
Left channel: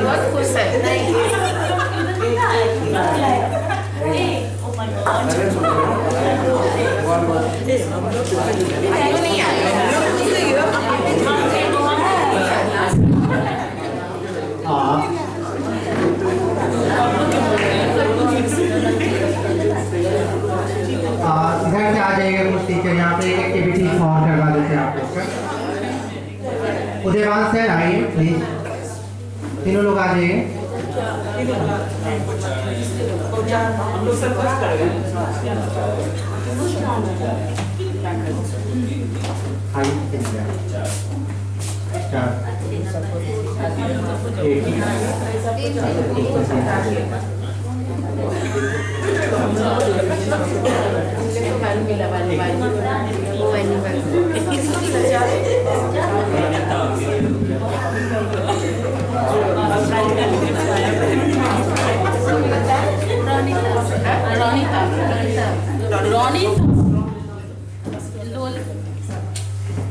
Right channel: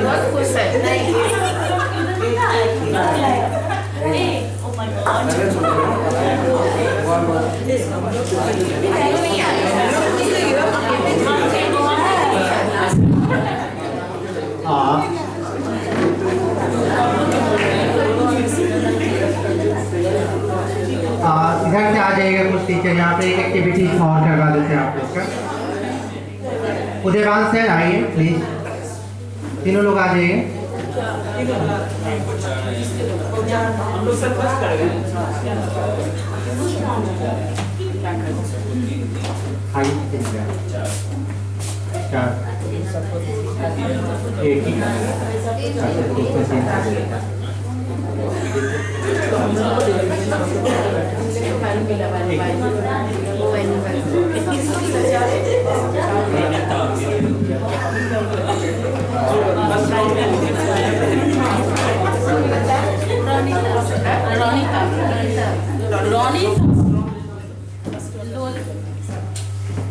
बहुत खुश इधर से आ जाएगा कुछ टीचर, यहाँ पे एक एक्टिविटी और करवा देते हैं आप लोग का। उदयवान सर आइए प्लीज, तीनों लोग आ जाइए।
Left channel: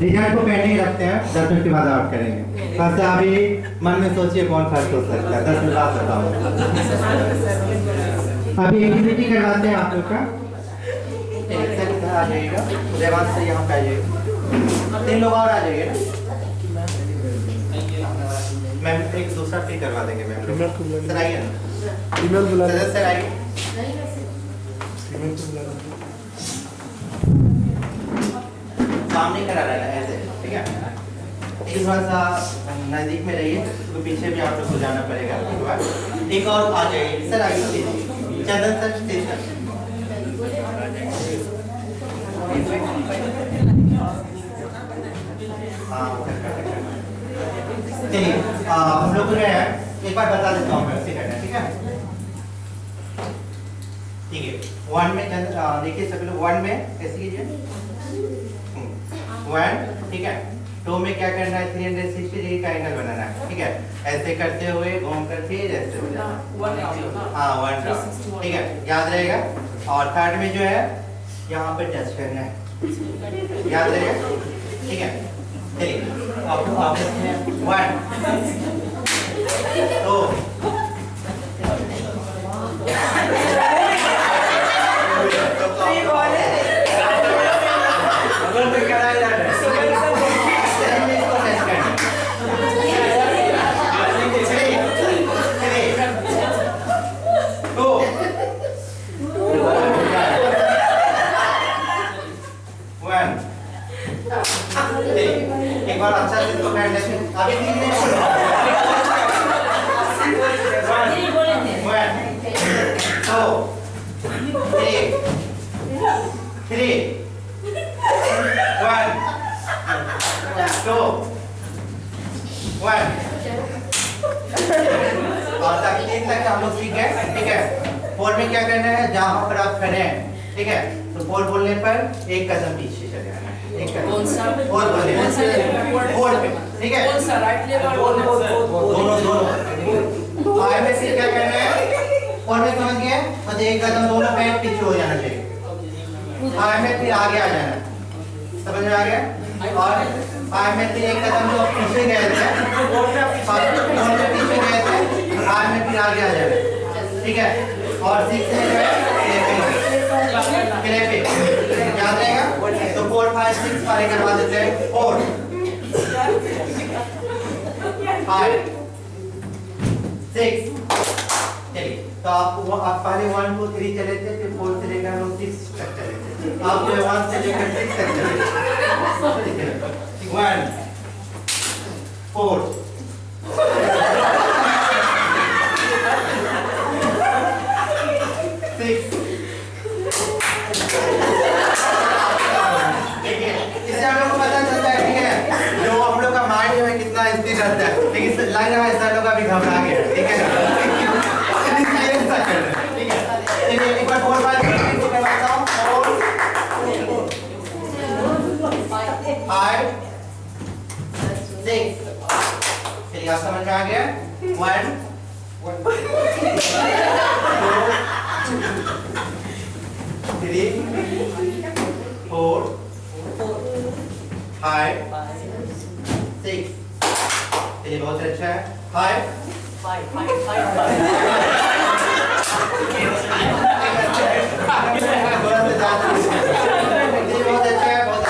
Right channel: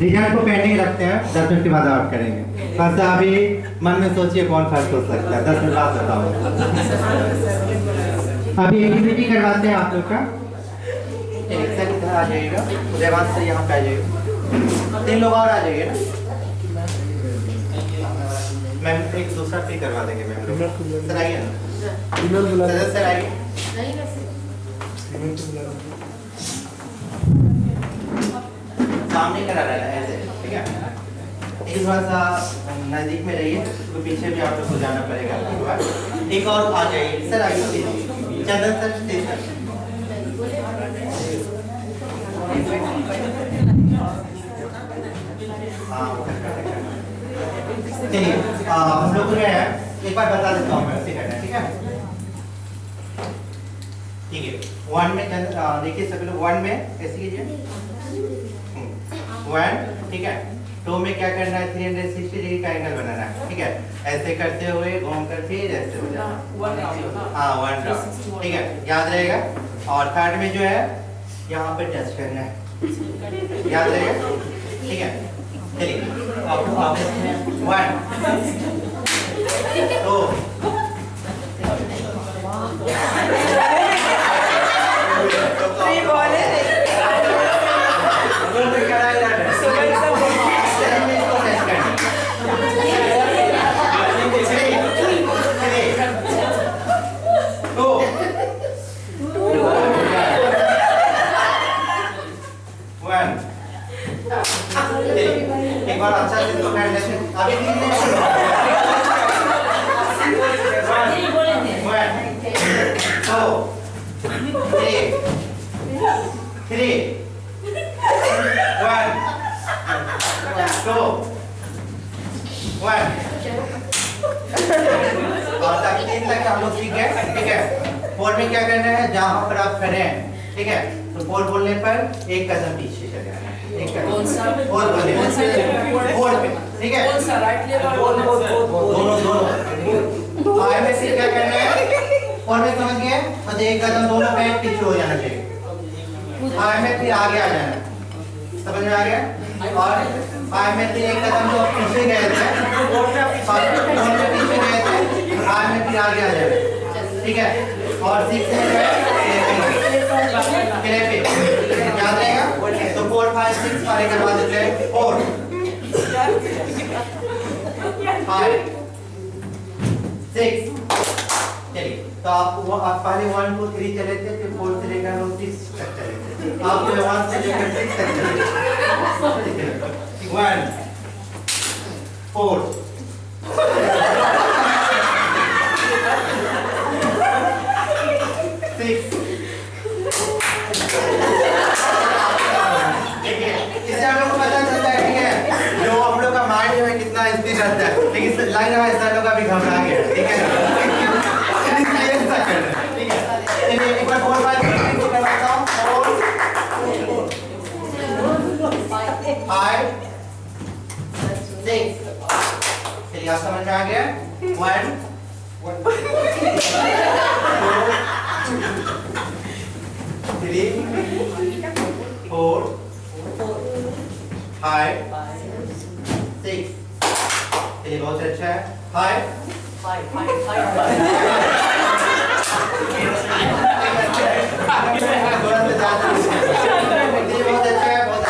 रिजल्ट को पेंडिंग रखते हैं, 10 मिनट के बाद आउट करेंगे। बस अभी मन में सोचिए कौन फर्स्ट हो सकता है, 10 मिनट बाद बताओ। अभी एक्टिविटी करवाते हैं आप लोग का। सर इधर आ जाइएगा, देवांश से यहाँ पे आ जाइएगा, 3 लोग और आ जाइए ना मैम, एक दूसरा फ्री करवा देंगे मैम लोग। सर आइए ना, सर आइए। सामने करा रहा है ऐसे, ठीक है। थोड़ा सा नजदीक में रहिए, तो पीछे भी आप लोग को जाना पड़ेगा। एक और आ जाइए सर, आइए चंदन सर स्टेशन। चलिए हम लोग जो है एक बार बता देता हूँ कैसे करना है, ठीक है। ठीक है, 1 में देखिए सभी लोग 1 में ऐसे कीजिए 1, ठीक है। 2 में क्या करना है, 360 डिग्री का एंगल बनाना है, ठीक है। ऐसे करते हुए घूम कर फिर ऐसे हो जाना, हाँ 1 राउंड, ठीक है, याद रहेगा। और थर्ड में जो है यहाँ पे टच करना है, याद रहेगा, ठीक है। चलिए अब 1 2 एक बार अच्छा से तो कर लेते हैं। अभी 3 नहीं 1 2 3 1 2 1 और तक 3 तक हम लोग सीख गए, ठीक है। 4 में क्या करना है, जहां पर आप खड़े हैं, ठीक है, तो 4 बोलने पर एक कदम पीछे चले जाना है, एक कदम 4 बोलने 4 पे, ठीक है। दोनों आए में फिर क्या करना है, 4 में समझ गए, तो एक कदम दोनों पैर पीछे हो जाना चाहिए। आए में फिर आगे आ जाना, समझ में आ गया। और आए में फिर एक कदम जो पीछे गए थे, दोनों पीछे गए थे, आए में फिर आगे आ जाना, ठीक है। और 6 में जो है क्लैपिंग, याद रहेगा। तो 4 5 6 पारे करवा देते हैं। 4 5 6 चलिए, तो आप पहले 1 2 3 चले थे, फिर 4 से लेकर 6 तक चले थे। आप जो 1 से लेकर 6 तक चले 1 4 6 देखिए इससे हम लोग को पता चलता है, ठीक है, जो हम लोग का माइंड जो है कितना स्थिर रहता है। लेकिन लग रहा है सर लोग अभी घबरा गए, ठीक है इसलिए ऐसा कर रहे हैं, ठीक है। चलिए एक बार 4 5 6 करवाता हूँ। 4 5 6 चलिए आप समझ में आ गया। 1 2 3 4 5 6 चलिए बहुत अच्छा है। 5 थोड़ा सा ज्यादा चलिए बहुत अच्छा है, बहुत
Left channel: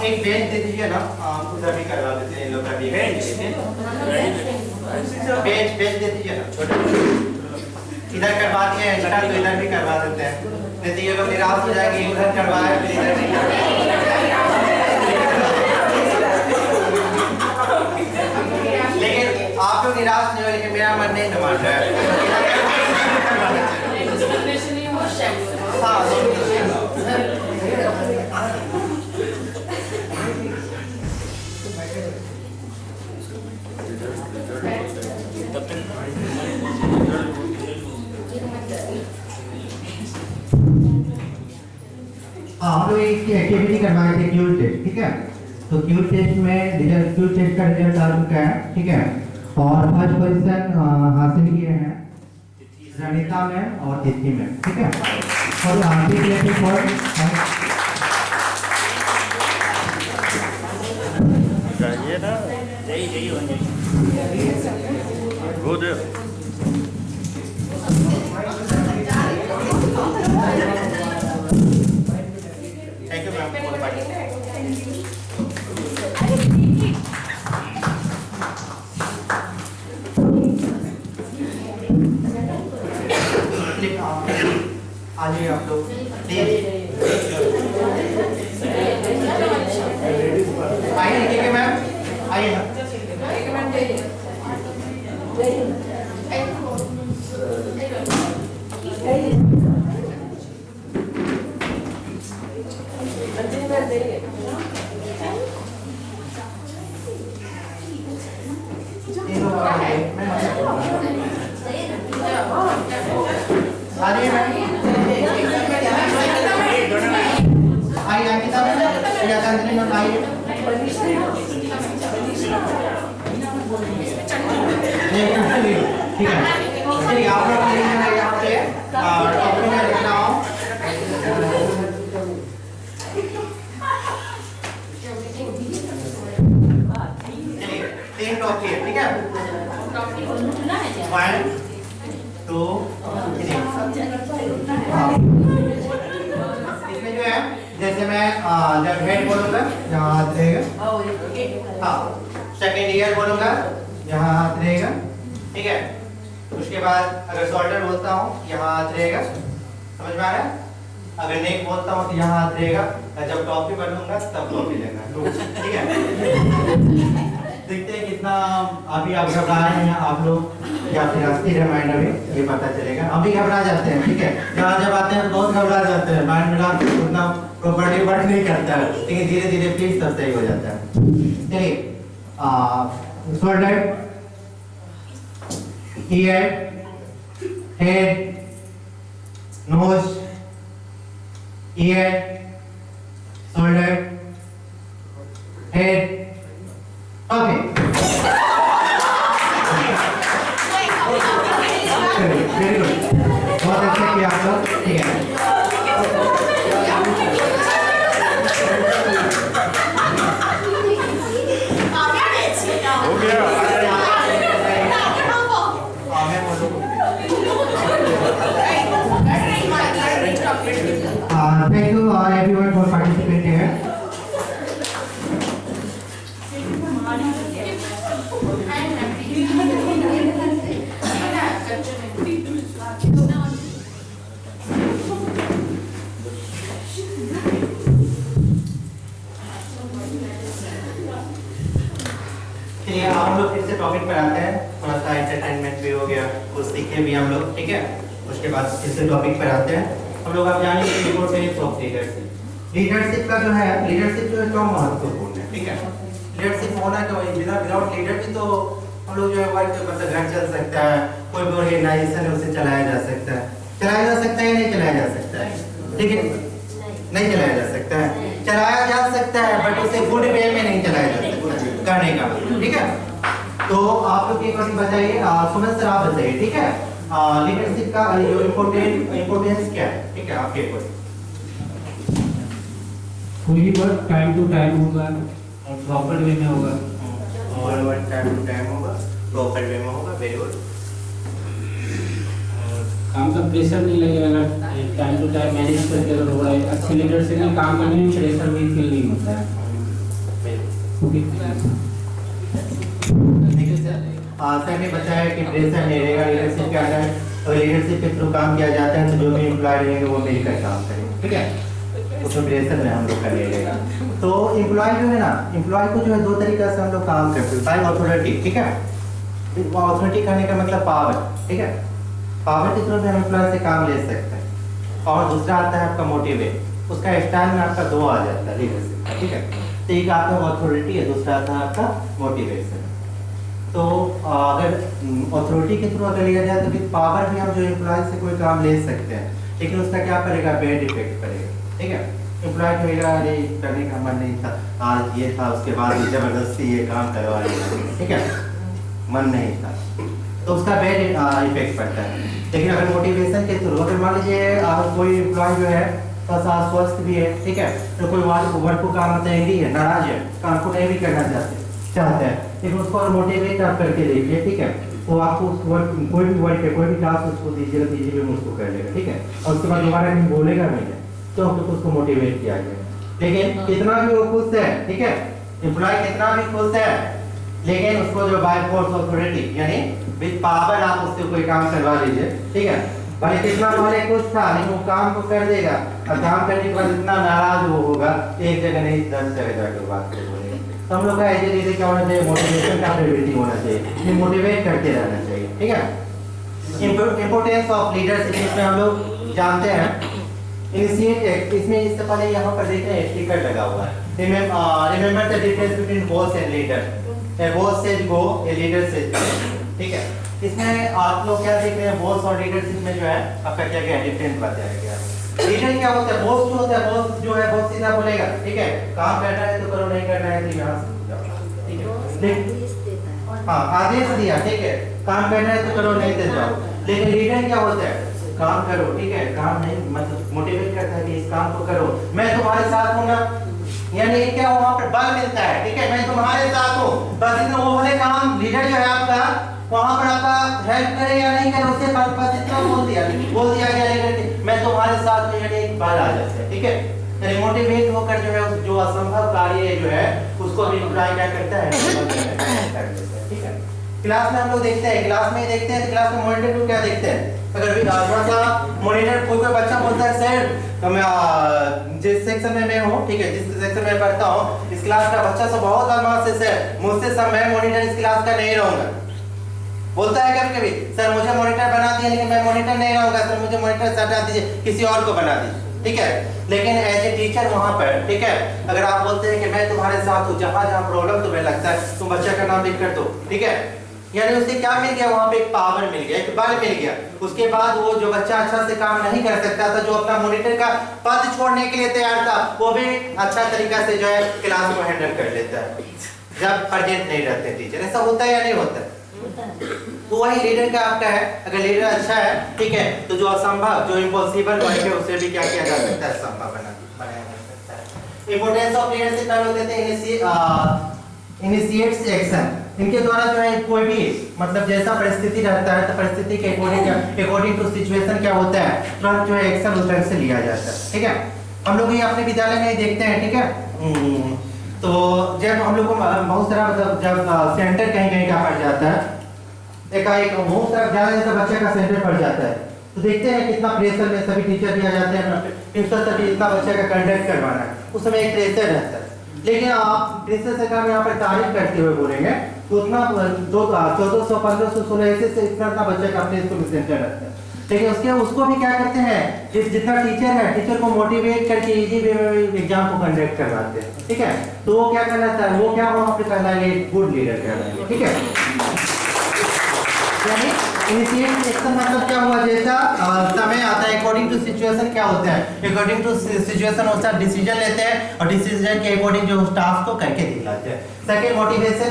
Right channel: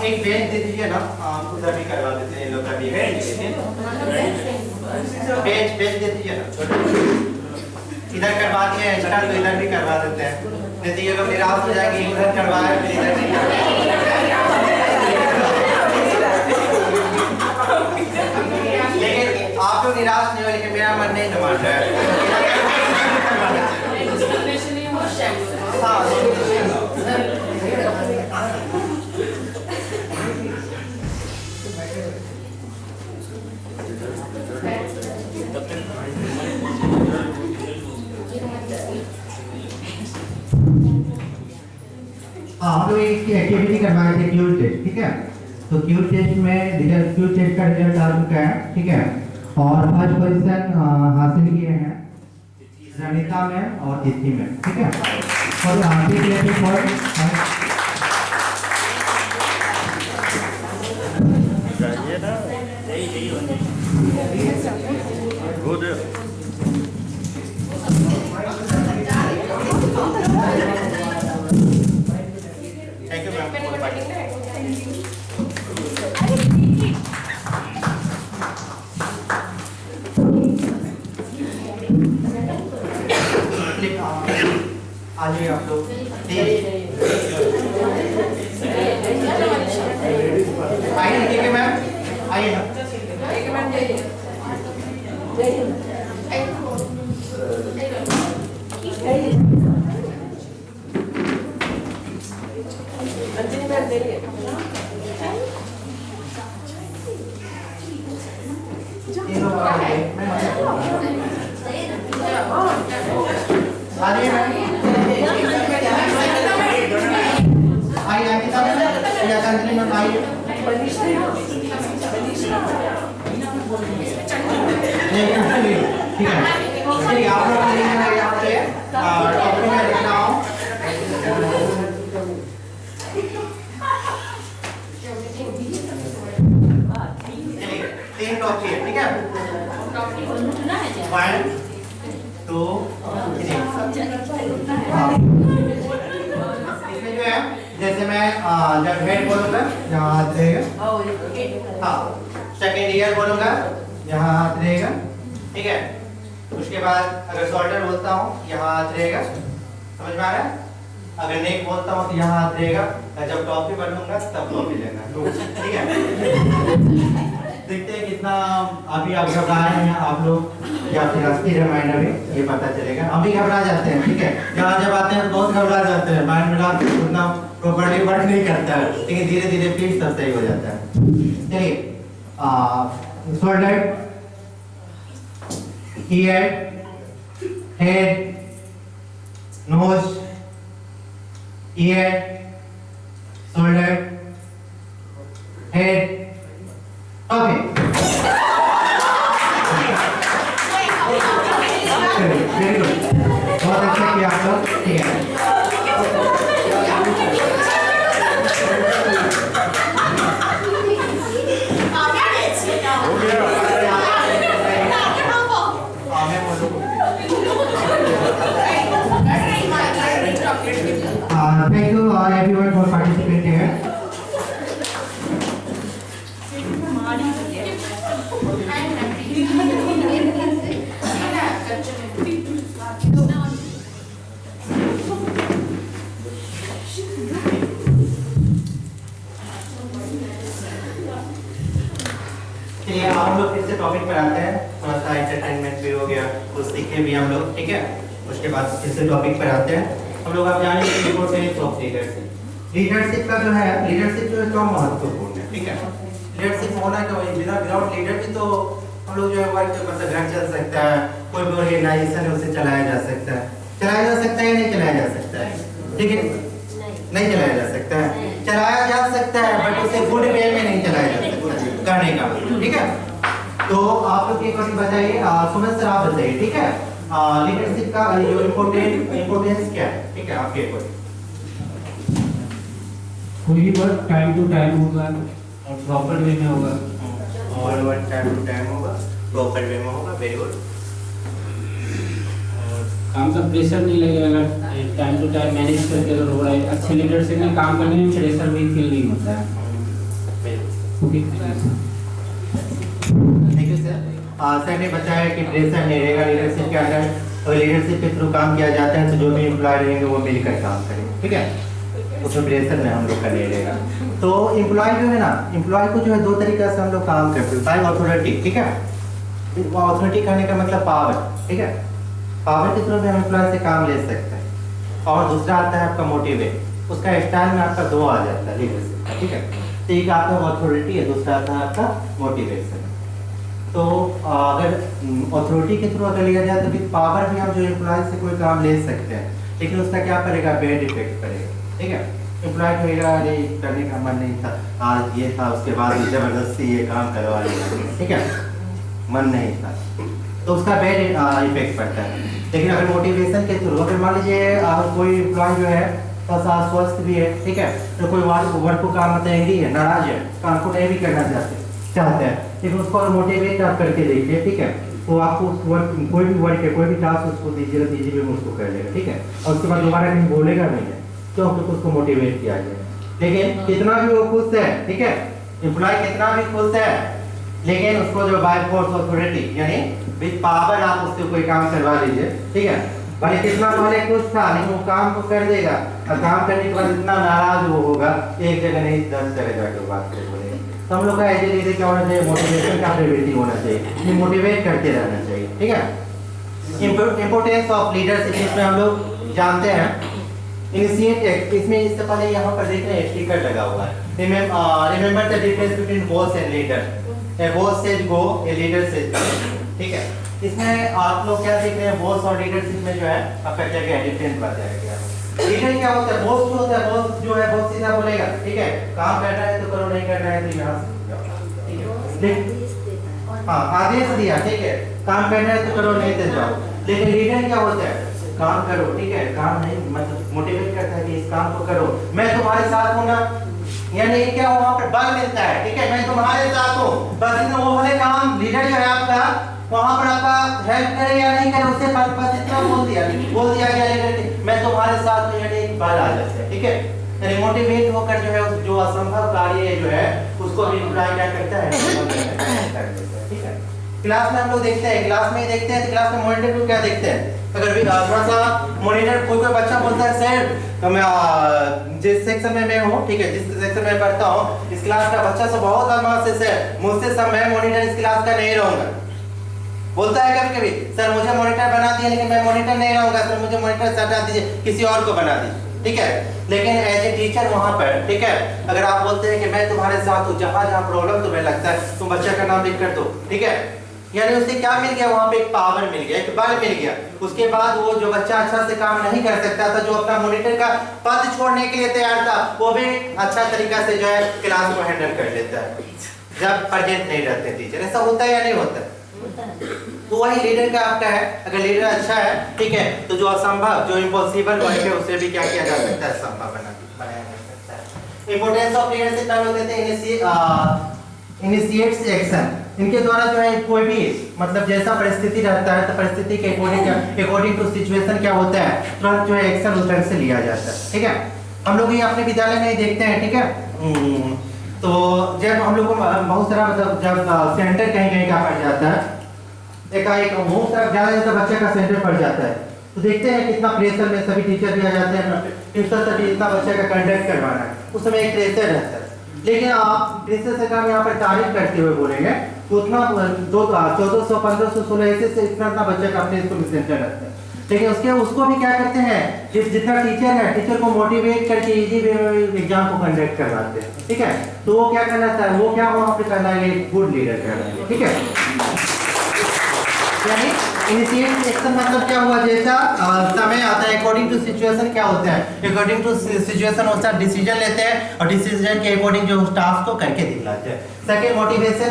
एक बेंच दे दीजिए ना, उधर भी करवा देते हैं, इन लोग का भी बेंच दे दीजिए ना, छोटे इधर करवा दिए एक्स्ट्रा तो इधर भी करवा देते हैं, नहीं तो ये लोग निराश हो जाएंगे, उधर करवाए फिर इधर नहीं करवाए। लेकिन आप लोग निराश नहीं हो, लेकिन मेरा मन नहीं मान रहा है। हाँ हम लोग एक एक्टिविटी करवाए थे क्यूट टेस्ट, ठीक है। तो क्यूट टेस्ट में रिजल्ट, क्यूट टेस्ट का रिजल्ट आ चुका है, ठीक है। और फर्स्ट पोजीशन हासिल किए हैं रणिता में और तिथि में, ठीक है। और आगे के लिए गुड थैंक यू मैम। आइए आप लोग आइए, ठीक है मैम, आइए ना। ठीक है, चलिए आप लोग यहाँ पे टॉपिक में लिखना हो। चलिए 3 टॉपिक है, ठीक है। 1 2 3 इसमें जो है, जैसे मैं जब हेड बोलूंगा यहाँ हाथ रहेगा, हाँ सेकेंड ईयर बोलूंगा यहाँ हाथ रहेगा, ठीक है। उसके बाद अगर शोल्डर बोलता हूँ यहाँ हाथ रहेगा, समझ में आ रहा है। अगर नेक बोलता हूँ तो यहाँ हाथ रहेगा, और जब टॉपी बनूंगा तब टॉपी लेना, ठीक है। देखते हैं कितना अभी आप घबरा रहे हैं आप लोग या फिर अस्थिर है माइंड, अभी ये पता चलेगा। अभी घबरा जाते हैं, ठीक है, यहाँ जब आते हैं बहुत घबरा जाते हैं, माइंड मेरा उतना प्रॉपर्ली वर्क नहीं करता है, लेकिन धीरे धीरे प्लीज सब सही हो जाता है। चलिए shoulder, ear, head, nose, ear, shoulder, head, okay. Very good. बहुत अच्छा किया आप लोग, ठीक है। चलिए अब हम लोग फिर से टॉपिक पर आते हैं। थोड़ा सा एंटरटेनमेंट भी हो गया, कुछ सीखे भी हम लोग, ठीक है। उसके बाद फिर से टॉपिक पर आते हैं। हम लोग अब जानेंगे इम्पोर्टेंस ऑफ लीडरशिप। लीडरशिप का जो है, लीडरशिप जो है क्यों महत्वपूर्ण है, ठीक है। लीडरशिप होना क्यों, बिना विदाउट लीडर भी तो हम लोग जो है वर्क मतलब घर चल सकता है, कोई भी ऑर्गेनाइजेशन है उसे चलाया जा सकता है। चलाया जा सकता है या नहीं चलाया जा सकता है, ठीक है। नहीं चलाया जा सकता है, चलाया जा सकता है बट उसे गुड वे में नहीं चलाया जा सकता करने का, ठीक है। तो आप लोग एक बार बताइए, सुमन सर आप बताइए, ठीक है, लीडरशिप का जो इम्पोर्टेंस क्या है, ठीक है। आप एक बार कोई वर्क टाइम टू टाइम होगा और प्रॉपर वे में होगा, और वर्क टाइम टू टाइम होगा, प्रॉपर वे में होगा, वेरी गुड। काम का प्रेशर नहीं लगेगा, टाइम टू टाइम मैनेज करके अगर हो रहा है। अच्छे लीडरशिप में काम करने में प्रेशर भी फील नहीं होता है। Thank you sir. सर ने बताया कि प्रेशर नहीं रहेगा लीडरशिप के अंदर। अगर लीडरशिप के थ्रू काम किया जाता है तो जो भी एम्प्लॉय रहेंगे वो मिलकर काम करेंगे, ठीक है। उसमें प्रेशर में हम लोग का नहीं रहेगा। तो एम्प्लॉय जो है ना, एम्प्लॉय को जो है दो तरीके से हम लोग काम करते हैं। बाय ऑथोरिटी, ठीक है। ऑथोरिटी कहने का मतलब पावर, ठीक है। पावर के थ्रू भी हम एम्प्लॉय से काम ले सकते हैं। और दूसरा आता है आपका मोटिवेट। उसका स्टाइल में आपका दो आ जाता है लीडरशिप का, ठीक है। तो एक आपका ऑथोरिटी है, दूसरा आता है आपका मोटिवेशन। तो अगर अथॉरिटी के थ्रू अगर लिया जाए तो फिर पावर भी हम जो एम्प्लॉय से कोई काम ले सकते हैं, लेकिन उसका क्या करेगा, बैड इफेक्ट करेगा, ठीक है। एम्प्लॉय कहेगा अरे करने का मन नहीं था, आज ये था, उसके बाद जबरदस्ती ये काम करवा लिया, ठीक है, मन नहीं था, तो उसका बैड इफेक्ट पड़ता है। लेकिन अगर मोटिवेशन के थ्रू, अगर मान लीजिए कोई एम्प्लॉय जो है बस स्वस्थ भी है, ठीक है, तो कोई वर्क को काम मतलब एंग्री है, नाराज है, काम को नहीं भी करना चाहते हैं, लेकिन उसको और मोटिवेट आप करके देखिए, ठीक है। वो आपको उस वर्क, कोई भी वर्क है, कोई भी टास्क उसको दीजिएगा, दीजिए में उसको कर लेगा, ठीक है। और उसके बाद दोबारा कहीं बोलेगा नहीं है, तो उसको मोटिवेट किया गया। लेकिन कितना भी वो खुश है, ठीक है, एम्प्लॉय कितना भी खुश है, लेकिन उसको जो बाय फोर्स अथॉरिटी यानी विद पावर आप उससे कोई काम करवा लीजिए, ठीक है। भाई कितना पहले खुश था, लेकिन वो काम को कर देगा, और काम करने के बाद इतना नाराज वो होगा, एक जगह नहीं 10 जगह जाकर बात कर बोलेगा। तो हम लोग का एज ए लीडर क्या होना चाहिए, मोटिवेशन का एबिलिटी होना चाहिए, मोटिवेट करते रहना चाहिए, ठीक है। इंपोर्टेंस ऑफ लीडरशिप इसमें हम लोग जानते हैं। इनिशिएट, इसमें इससे पहले यहाँ पर देख रहे हैं स्टिकर लगा हुआ है, remember the difference between boss and leader. A boss says go, a leader says गो, ठीक है। इसमें आप लोग क्या देख रहे हैं, बॉस और लीडरशिप में जो है आपका क्या क्या डिफरेंस बताया गया है। लीडर क्या होता है, बॉस जो होता है, बॉस जो है बहुत सीधा बोलेगा, ठीक है, काम करना है तो करो, नहीं करना है तो यहाँ से जाओ, ठीक है। हाँ, आदेश दिया, ठीक है, काम करना है तो करो, नहीं तो जाओ। लेकिन लीडर क्या होता है, काम करो, ठीक है, काम नहीं मतलब मोटिवेट करता है कि इस काम को करो, मैं तुम्हारे साथ हूँ ना, यानी क्या वहाँ पर बल मिलता है, ठीक है, मैं तुम्हारे साथ हूँ, बस इतना वो वाले काम लीडर जो है आपका वहाँ पर आपका हेल्प करे या नहीं करे उससे बस इतना बोल दिया गया लीडर मैं तुम्हारे साथ हूँ, यानी एक बल आ जाता है, ठीक है। यानी मोटिवेट होकर जो है जो असंभव कार्य जो है उसको भी एम्प्लॉय क्या करता है, ठीक है। क्लास में हम लोग देखते हैं, क्लास में ही देखते हैं, तो क्लास में मॉनिटर को क्या देखते हैं, अगर भी थोड़ा सा मॉनिटर कोई बच्चा बोलता है सर तो मैं जिस सेक्शन में मैं हूँ, ठीक है, जिस सेक्शन में पढ़ता हूँ, इस क्लास का बच्चा सब बहुत बदमाश है, मुझसे सब मैं मॉनिटर इस क्लास का नहीं रहूंगा, बोलता है कभी कभी सर मुझे मॉनिटर बना दिया लेकिन मैं मॉनिटर नहीं रहूंगा, सर मुझे मॉनिटर से हटा दीजिए, किसी और को बना दीजिए, ठीक है। लेकिन एज ए टीचर वहाँ पर, ठीक है, अगर आप बोलते हैं कि मैं तुम्हारे साथ हूँ, जहाँ जहाँ प्रॉब्लम तुम्हें लगता है तुम बच्चे का नाम लिख कर दो, ठीक है, यानी उसे क्या मिल गया, वहाँ पे एक पावर मिल गया, एक बल मिल गया। उसके बाद वो जो बच्चा अच्छा से काम नहीं कर सकता था, जो अपना मॉनिटर का पद छोड़ने के लिए तैयार था, वो भी अच्छा तरीका से जो है क्लास को हैंडल कर लेता है जब प्रेजेंट नहीं रहते टीचर। ऐसा होता है या नहीं होता? तो वही लीडर का आपका है, अगर लीडर अच्छा है, ठीक है, तो जो असंभव, जो इम्पॉसिबल वर्क है उसे भी क्या किया जा सकता है, संभव बनाया जा सकता है। इंपोर्टेंस ऑफ लीडरशिप हम लोग देते हैं इनिशिएट्स एक्शन। इनके द्वारा जो है कोई भी मतलब जैसा परिस्थिति रहता है तो परिस्थिति के अकॉर्डिंग टू सिचुएशन क्या होता है, तुरंत जो है एक्शन उस ढंग से लिया जाता है, ठीक है। हम लोग ये अपने विद्यालय में ही देखते हैं, ठीक है। तो जब हम लोग को बहुत सारा मतलब जब सेंटर कहीं कहीं का पड़ जाता है एकाएक मुंह तरफ जाने से बच्चे का सेंटर पड़ जाता है। तो देखते हैं कितना प्रेशर में सभी टीचर भी आ जाते हैं, प्रिंसिपल सर भी इतना बच्चे का कंडक्ट करवाना है, उस समय एक प्रेशर रहता है। लेकिन आप प्रिंसिपल सर का हम यहाँ पर तारीफ करते हुए बोलेंगे तो उतना 1400 1500 1600 से इतना बच्चे का अपने स्कूल में सेंटर रहता है। लेकिन उसको भी क्या करते हैं, जितना टीचर है, टीचर को मोटिवेट करके इजी वे में एग्जाम को कंडक्ट करवाते हैं, ठीक है। तो वो क्या करना चाहिए, वो क्या वहाँ पे करना है, गुड लीडर कहलाएंगे, ठीक है। यानी इनिशिएट एक्शन मतलब क्या हुआ, जैसा समय आता है अकॉर्डिंग टू सिचुएशन क्या होता है, अकॉर्डिंग टू सिचुएशन वैसा डिसीजन लेते हैं और डिसीजन के अकॉर्डिंग जो टास्क को करके दिखलाते हैं। सेकंड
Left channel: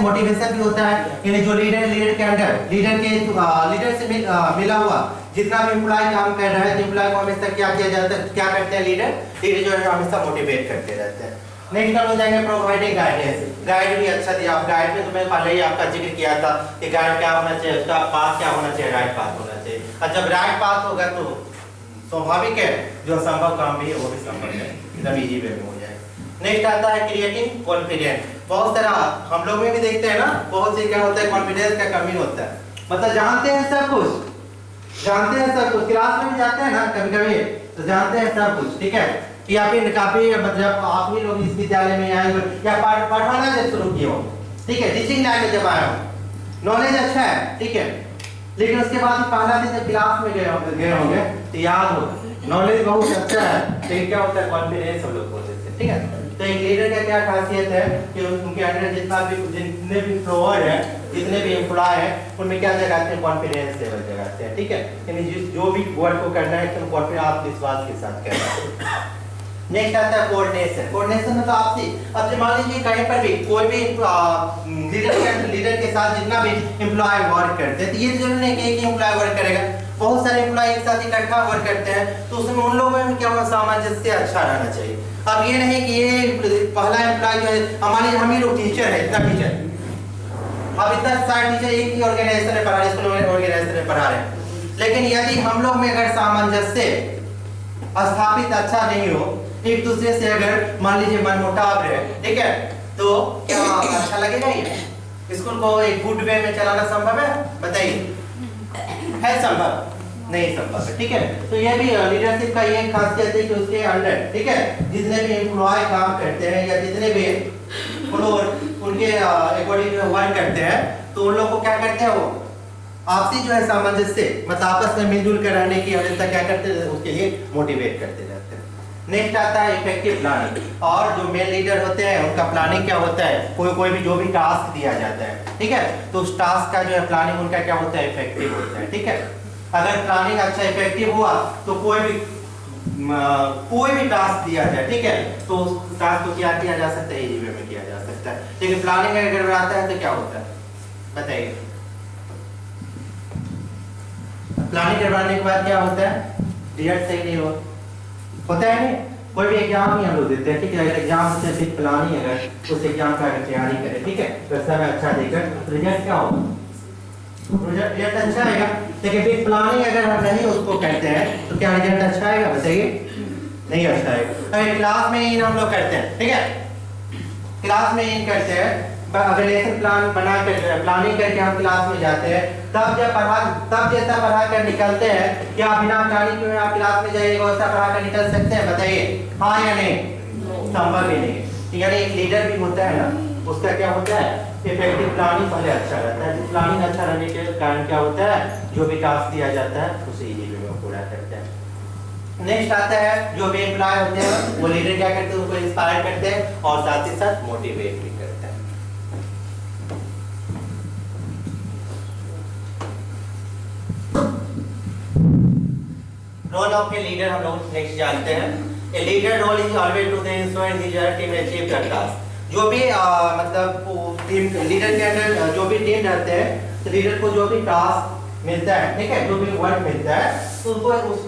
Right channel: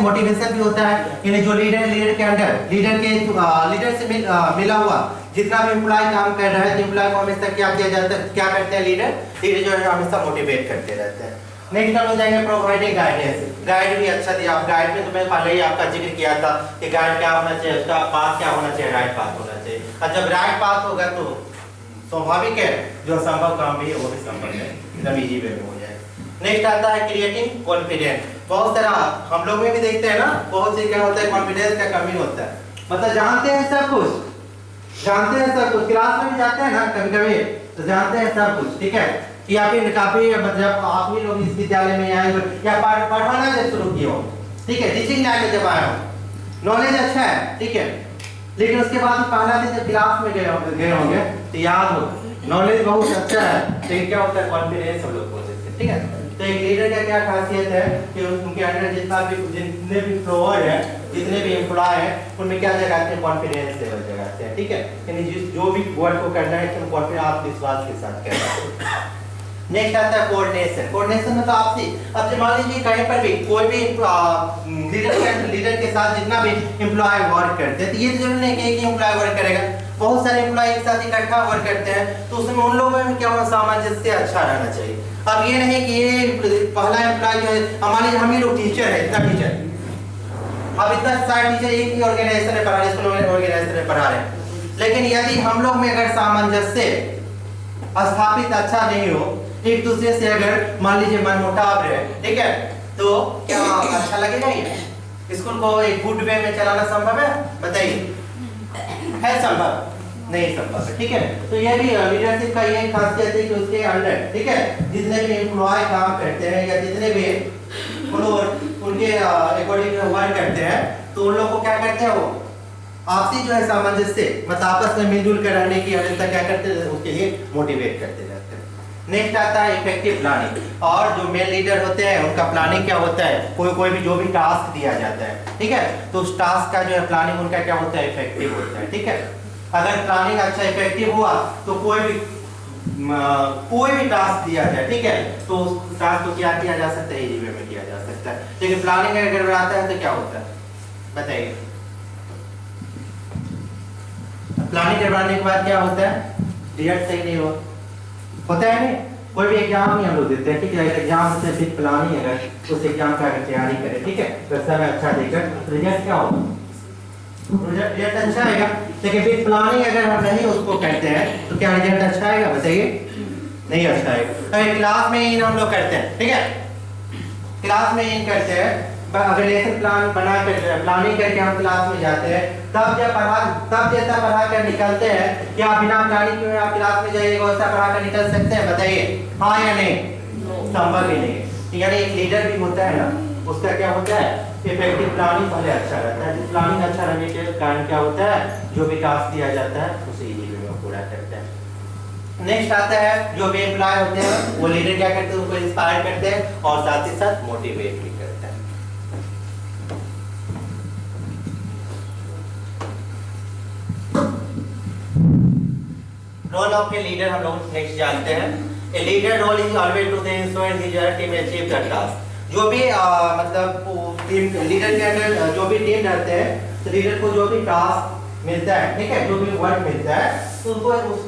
मोटिवेशन भी होता है, यानी जो लीडर के अंडर लीडर से मिला हुआ जितना भी एम्प्लॉय काम कर रहा है तो एम्प्लॉय को हमेशा क्या किया जाता है, क्या करते हैं लीडर जो है हमेशा मोटिवेट करते रहते हैं। नेक्स्ट हो जाएंगे प्रोवाइडिंग गाइडेंस, गाइड भी अच्छा दिया। आप गाइड में तो मैं पहले ही आपका जिक्र किया था कि गाइड क्या होना चाहिए, उसका पाथ क्या होना चाहिए, राइट पाथ होना चाहिए। और जब राइट पाथ होगा तो स्वाभाविक है जो असंभव काम भी है वो भी संभव है, एकदम इजी वे में हो जाए। नेक्स्ट आता है क्रिएटिंग कॉन्फिडेंस। बहुत सारा हम लोग में भी देखते हैं ना, बहुत सी क्या होता है कॉन्फिडेंस का कमी होता है, मतलब जानते हैं सब कुछ, क्लास में भी जाते हैं ना कभी कभी तो जानते हैं सब कुछ, ठीक है। या फिर काफी मतलब आप भी लोग इस विद्यालय में आए हो या पढ़ाना जब शुरू किए हो, ठीक है, टीचिंग लाइन में जब आए हो, नॉलेज अच्छा है, ठीक है, लेकिन उसके बाद पहला दिन जब क्लास में गए होंगे तो याद हो नॉलेज बहुत अच्छा है, लेकिन क्या होता है कॉन्फिडेंस हम लोग बोलते हैं, ठीक है। तो एक लीडर का क्या खासियत है कि उनके अंदर जितने भी फ्लोअर है, जितने भी एम्प्लॉय है, उनमें क्या जगाते हैं, कॉन्फिडेंस लेवल जगाते हैं, ठीक है। यानी जो भी वर्क को करना है तो कॉन्फिडेंस आत्मविश्वास के साथ करना है। नेक्स्ट आता है कोऑर्डिनेशन में तो आपसी, अब मान लीजिए कहीं पर भी कोई भी लीडर के साथ जितना भी एम्प्लॉय वर्क करते हैं तो ये जरूरी नहीं कि एक ही एम्प्लॉय वर्क करेगा, बहुत सारे एम्प्लॉय एक साथ इकट्ठा वर्क करते हैं, तो उसमें उन लोगों में क्या होना, सामंजस्य अच्छा रहना चाहिए। अब ये नहीं कि ये पहला एम्प्लॉय जो है, मान लीजिए हम ही लोग टीचर है, इतना टीचर, अब इतना सारे टीचर एक ही ऑर्गेनाइजेशन में पढ़ा रहे, स्कूल ऑर्गेनाइजेशन में पढ़ा रहे हैं, लेकिन यदि हम लोग में अगर सामंजस्य स्थापित अच्छा नहीं हो, एक दूसरे से अगर मान लीजिए मनमुटाव रहे, ठीक है, तो क्या अच्छा लगेगा? ये स्कूल को एक गुड वे में चलाना संभव है? बताइए, है संभव? नहीं संभव है, ठीक है। तो ये भी लीडरशिप का ये खासियत है कि उसके अंडर, ठीक है, जितने भी एम्प्लॉय काम करते हैं या जितने भी फ्लोर उनके अकॉर्डिंग वर्क करते हैं, तो उन लोगों को क्या करते हैं, वो आपसी जो है सामंजस्य, मतलब आपस में मिलजुल कर रहने की हमेशा क्या करते हैं, उसके लिए मोटिवेट करते रहते हैं। नेक्स्ट आता है इफेक्टिव प्लानिंग, और जो मेन लीडर होते हैं उनका प्लानिंग क्या होता है, कोई भी जो भी टास्क दिया जाता है, ठीक है, तो उस टास्क का जो है प्लानिंग उनका क्या होता है, इफेक्टिव होता है, ठीक है। अगर प्लानिंग अच्छा इफेक्टिव हुआ तो कोई भी टास्क दिया जाए, ठीक है, तो उस टास्क को क्या किया जा सकता है, इजी वे में किया जा सकता है। लेकिन प्लानिंग अगर गड़बड़ाता है तो क्या होता है, बताइए। प्लानिंग गड़बड़ाने के बाद क्या होता है, रिजल्ट सही नहीं होता है नहीं। कोई भी एग्जाम ही हम लोग देते हैं, ठीक है, एग्जाम से फिर प्लानिंग अगर उस एग्जाम का अगर तैयारी करें, ठीक है, तो समय अच्छा देकर रिजल्ट क्या होगा, रिजल्ट अच्छा आएगा। लेकिन फिर प्लानिंग अगर हम नहीं उसको कहते हैं तो क्या रिजल्ट अच्छा आएगा, बताइए, नहीं अच्छा आएगा। अगर क्लास में इन हम लोग करते हैं, ठीक है, क्लास में इन करते हैं, अगर लेसन प्लान बना कर प्लानिंग करके हम क्लास में जाते हैं, तब जैसा पढ़ा कर निकलते हैं, क्या बिना प्लानिंग के आप क्लास में जाइएगा वैसा पढ़ा कर निकल सकते हैं, बताइए, हाँ या नहीं, संभव ही नहीं। यानी एक लीडर भी होता है ना, उसका क्या होता है, इफेक्टिव प्लानिंग पहले अच्छा रहता है। प्लानिंग अच्छा रहने के कारण क्या होता है, जो भी टास्क दिया जाता है उसे इजी वे में पूरा करते हैं। नेक्स्ट आता है जो भी एम्प्लॉय होते हैं वो लीडर क्या करते हैं, उनको इंस्पायर करते हैं और साथ ही साथ मोटिवेट भी करते हैं। रोल ऑफ ए लीडर हम लोग नेक्स्ट जानते हैं। A leader role is always to ensure his team achieve the task. जो भी मतलब टीम लीडर के अंदर जो भी टीम रहते हैं, तो लीडर को जो भी टास्क मिलता है, ठीक है, जो भी वर्क मिलता है, तो उनको उस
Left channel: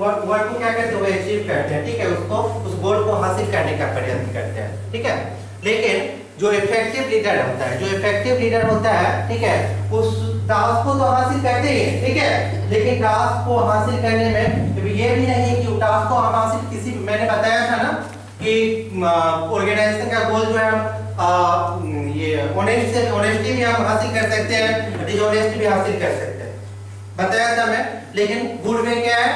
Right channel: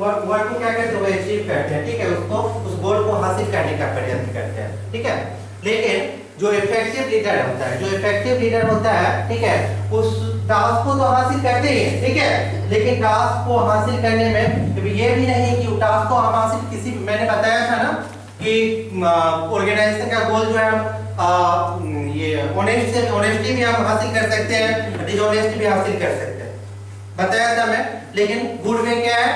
वर्क को क्या करते हैं, वो अचीव करते हैं, ठीक है, उसको उस गोल को हासिल करने का प्रयत्न करते हैं, ठीक है। लेकिन जो इफेक्टिव लीडर होता है, ठीक है, उस टास्क को तो हासिल करते ही हैं, ठीक है, लेकिन टास्क को हासिल करने में ये भी नहीं कि टास्क को हम हासिल किसी, मैंने बताया था ना कि ऑर्गेनाइजेशन का गोल जो है ये ऑनेस्टी भी हम हासिल कर सकते हैं, डिसऑनेस्टी भी हासिल कर सकते हैं, बताया था मैं। लेकिन गुड वे क्या है?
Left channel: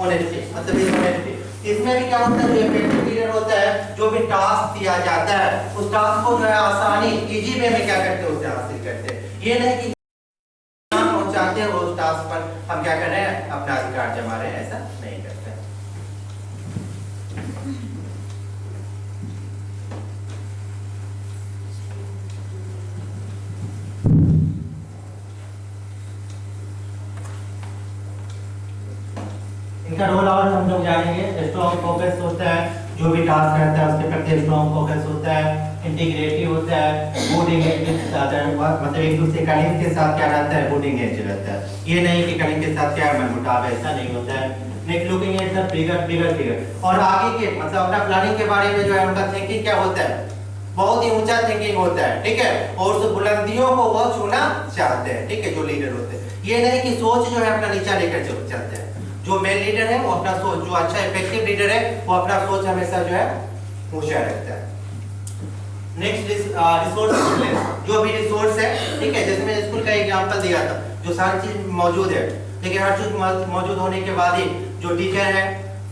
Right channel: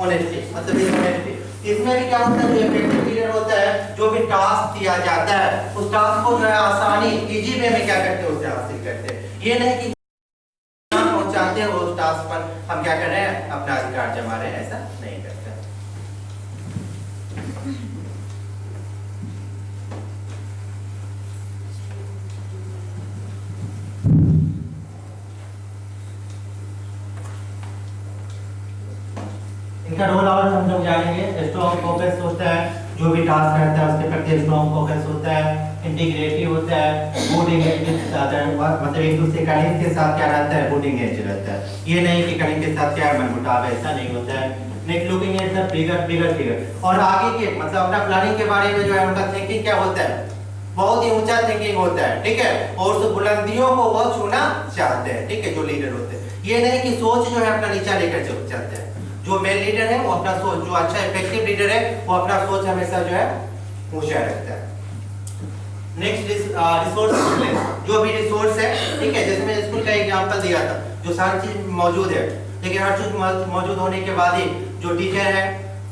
ऑनेस्टी मतलब डिसऑनेस्टी। इसमें भी क्या होता है, जो इफेक्टिव लीडर होता है, जो भी टास्क दिया जाता है उस टास्क को जो है आसानी इजी वे में क्या करते हैं, उससे हासिल करते हैं। ये नहीं कि पहुंचाते हैं उस टास्क पर हम क्या कर रहे हैं, अपना अधिकार जमा रहे हैं, ऐसा नहीं करते। इनका रोल और हम लोग जानेंगे। स्ट्रॉन्ग फोकस होता है, जो भी टास्क रहता है उसके प्रति स्ट्रॉन्ग फोकस होता है, इंटीग्रेटिव होता है, गुड एंगेज मतलब एक दूसरे कलीग के साथ क्या रहता है, गुड एंगेज रहता है। ये नहीं कि कलीग के साथ क्या मनमुटाव है, ऐसा नहीं होता है। Next looking at the bigger figure, और आगे के मतलब अपना प्लानिंग के बारे में जो है उनका थिंकिंग क्या होता है, बहुत ही ऊंचा थिंकिंग होता है, ठीक है। और उस बुलंदियों को वो छूना चाहते हैं, ठीक है, जो लीडर होते हैं। ये नहीं कि सोच जो है अपना नीचा लेकर चलते हैं। जो मेन लीडर है वो अपना सोच, जो अच्छा इफेक्टिव लीडर है वो अपना सोच हमेशा जो है ऊंचा रखता है। नेक्स्ट रिसोर्स, जो भी रिसोर्स है, ठीक है, जैसे मैं स्कूल का एग्जांपल दिया था, जो सारी चीज मौजूद है, लेकिन हर चीज मौजूद होने के बाद ही जो टीचर है,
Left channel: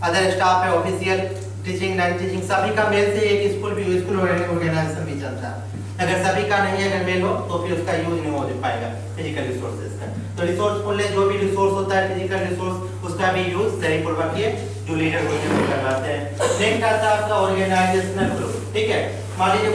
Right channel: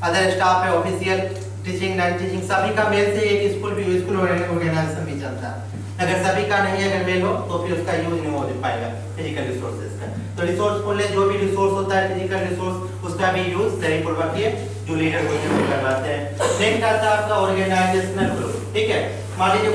अदर स्टाफ है, ऑफिशियल टीचिंग नॉन टीचिंग सभी का मेल से एक स्कूल ऑर्गेनाइजेशन भी चलता है। अगर सभी का नहीं अगर मेल हो तो फिर उसका यूज नहीं हो पाएगा फिजिकल रिसोर्सेज का। तो रिसोर्सफुल है, जो भी रिसोर्स होता है फिजिकल रिसोर्स, उसका भी यूज सही पूर्वक ये जो लीडर होते हैं करवाते हैं। नेक्स्ट आता है आपका ऑर्गेनाइजेशनल ग्रुप, ठीक है। मान लीजिए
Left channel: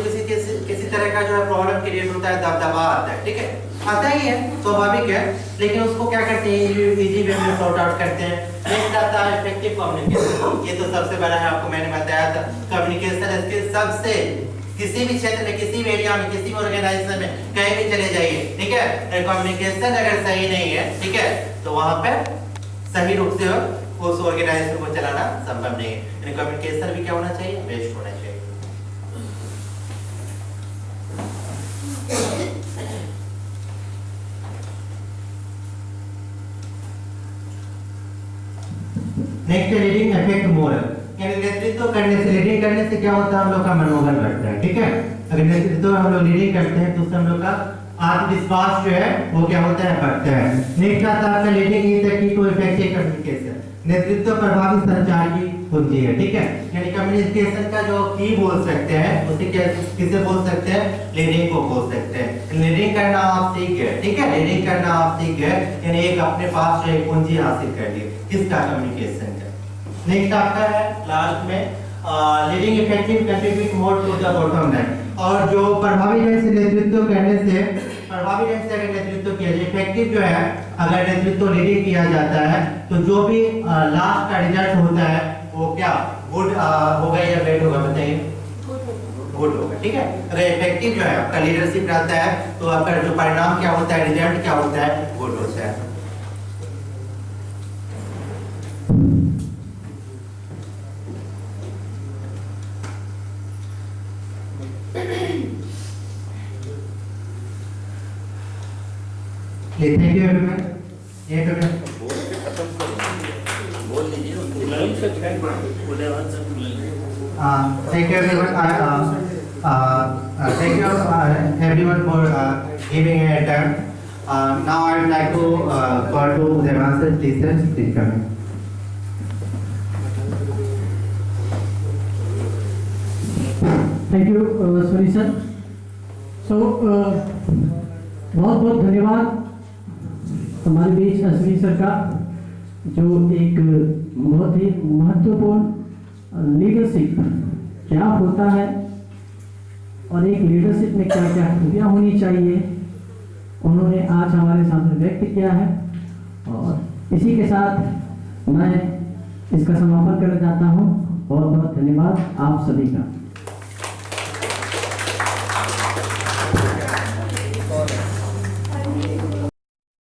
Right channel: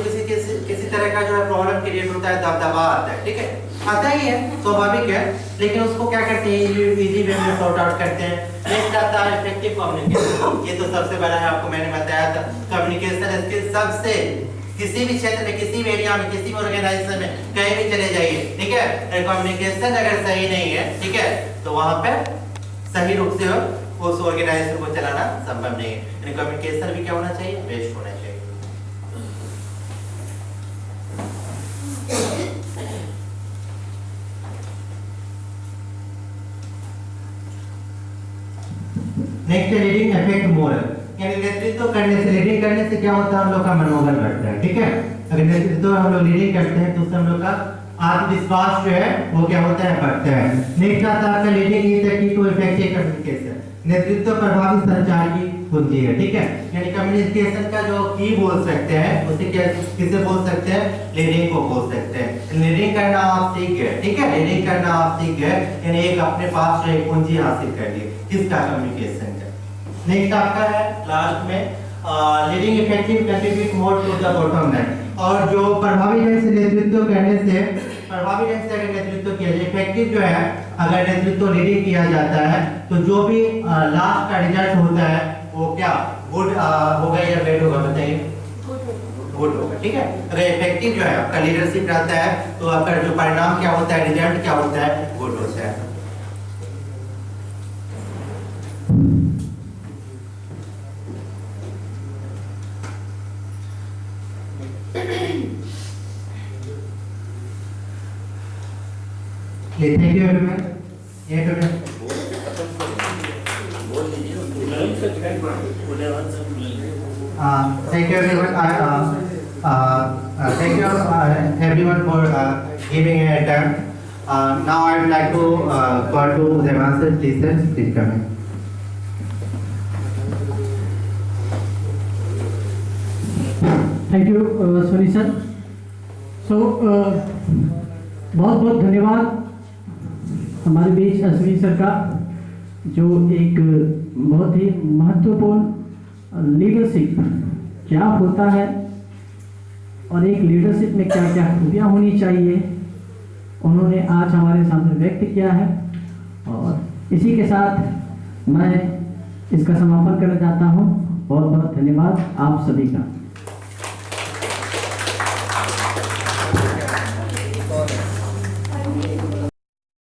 किसी तरह का जो है प्रॉब्लम क्रिएट होता है, दबदबा आता है, ठीक है, आता ही है, स्वाभाविक है, लेकिन उसको क्या करते हैं, इजी वे में सॉर्ट आउट करते हैं। नेक्स्ट आता है इफेक्टिव कम्युनिकेशन, ये तो सबसे बड़ा है, आपको मैंने बताया था। कम्युनिकेशन स्किल सबसे, किसी भी क्षेत्र में, किसी भी एरिया में, किसी भी ऑर्गेनाइजेशन में कहीं भी चले जाइए, ठीक है, कम्युनिकेशन अगर सही नहीं है, ठीक है, तो वहां पे सही रूप से उस ऑर्गेनाइजेशन को चलाना संभव नहीं है। कम्युनिकेशन भी क्या होना चाहिए, बेस्ट होना चाहिए। नेक्स्ट रीडिंग इफेक्ट मोरल, यानी नेतृत्व करने से, लीडिंग करने से क्या होता है, हम लोग का मनोबल बढ़ता है, ठीक है। अगर नेतृत्व हम लोग लीडिंग करते हैं तो उससे हम लोग का आत्मविश्वास जो है वो क्या होता है, बढ़ता है। नेक्स्ट आता है leading is the key to effective communication, नेतृत्व प्रभावी संचार की कुंजी है, ठीक है। यानी कम्युनिकेशन का जो की बोल सकते हैं, उसे क्या किसे बोल सकते हैं, लीडिंग को बोल सकते हैं। लीडिंग करना आप सीख गए, ठीक है, लीडिंग करना आप सीख गए, यानी एक अपने पास जो एक कुंजी हासिल कर ली, किसका, कम्युनिकेशन का। नेक्स्ट आपका है लास्ट में leading effective contribute more to the bottom line, और जो प्रभावी ढंग से नेतृत्व करने से, प्रभावी ढंग से अगर नेतृत्व किया जाए, इफेक्टिव जो है अगर नेतृत्व लीडिंग किया जाता है तो जो भी लास्ट का रिजल्ट होता है वो क्या गुड होगा या बैड होगा, बताइए, गुड होगा, ठीक है। अगर इफेक्टिव जो है आपका लीडरशिप रहता है तो आपका जो परिणाम क्या होता है, रिजल्ट क्या होता है, गुड होता है। Thank you everyone. Thank you everyone. Thank you everyone for giving a time. Now I would like to call to the master teachers. Please come in. Thank you Soni sir. So बहुत बहुत धन्यवाद हमारे बीच Ashwini sir का, जो एक बहुत ही महत्वपूर्ण leadership क्या होता है और एक लीडरशिप में क्या क्या खूबियाँ होनी चाहिए उन्होंने आज हमारे सामने व्यक्त किया है। और इसी के साथ मैं इसका समापन करना चाहता हूँ। बहुत बहुत धन्यवाद आप सभी का।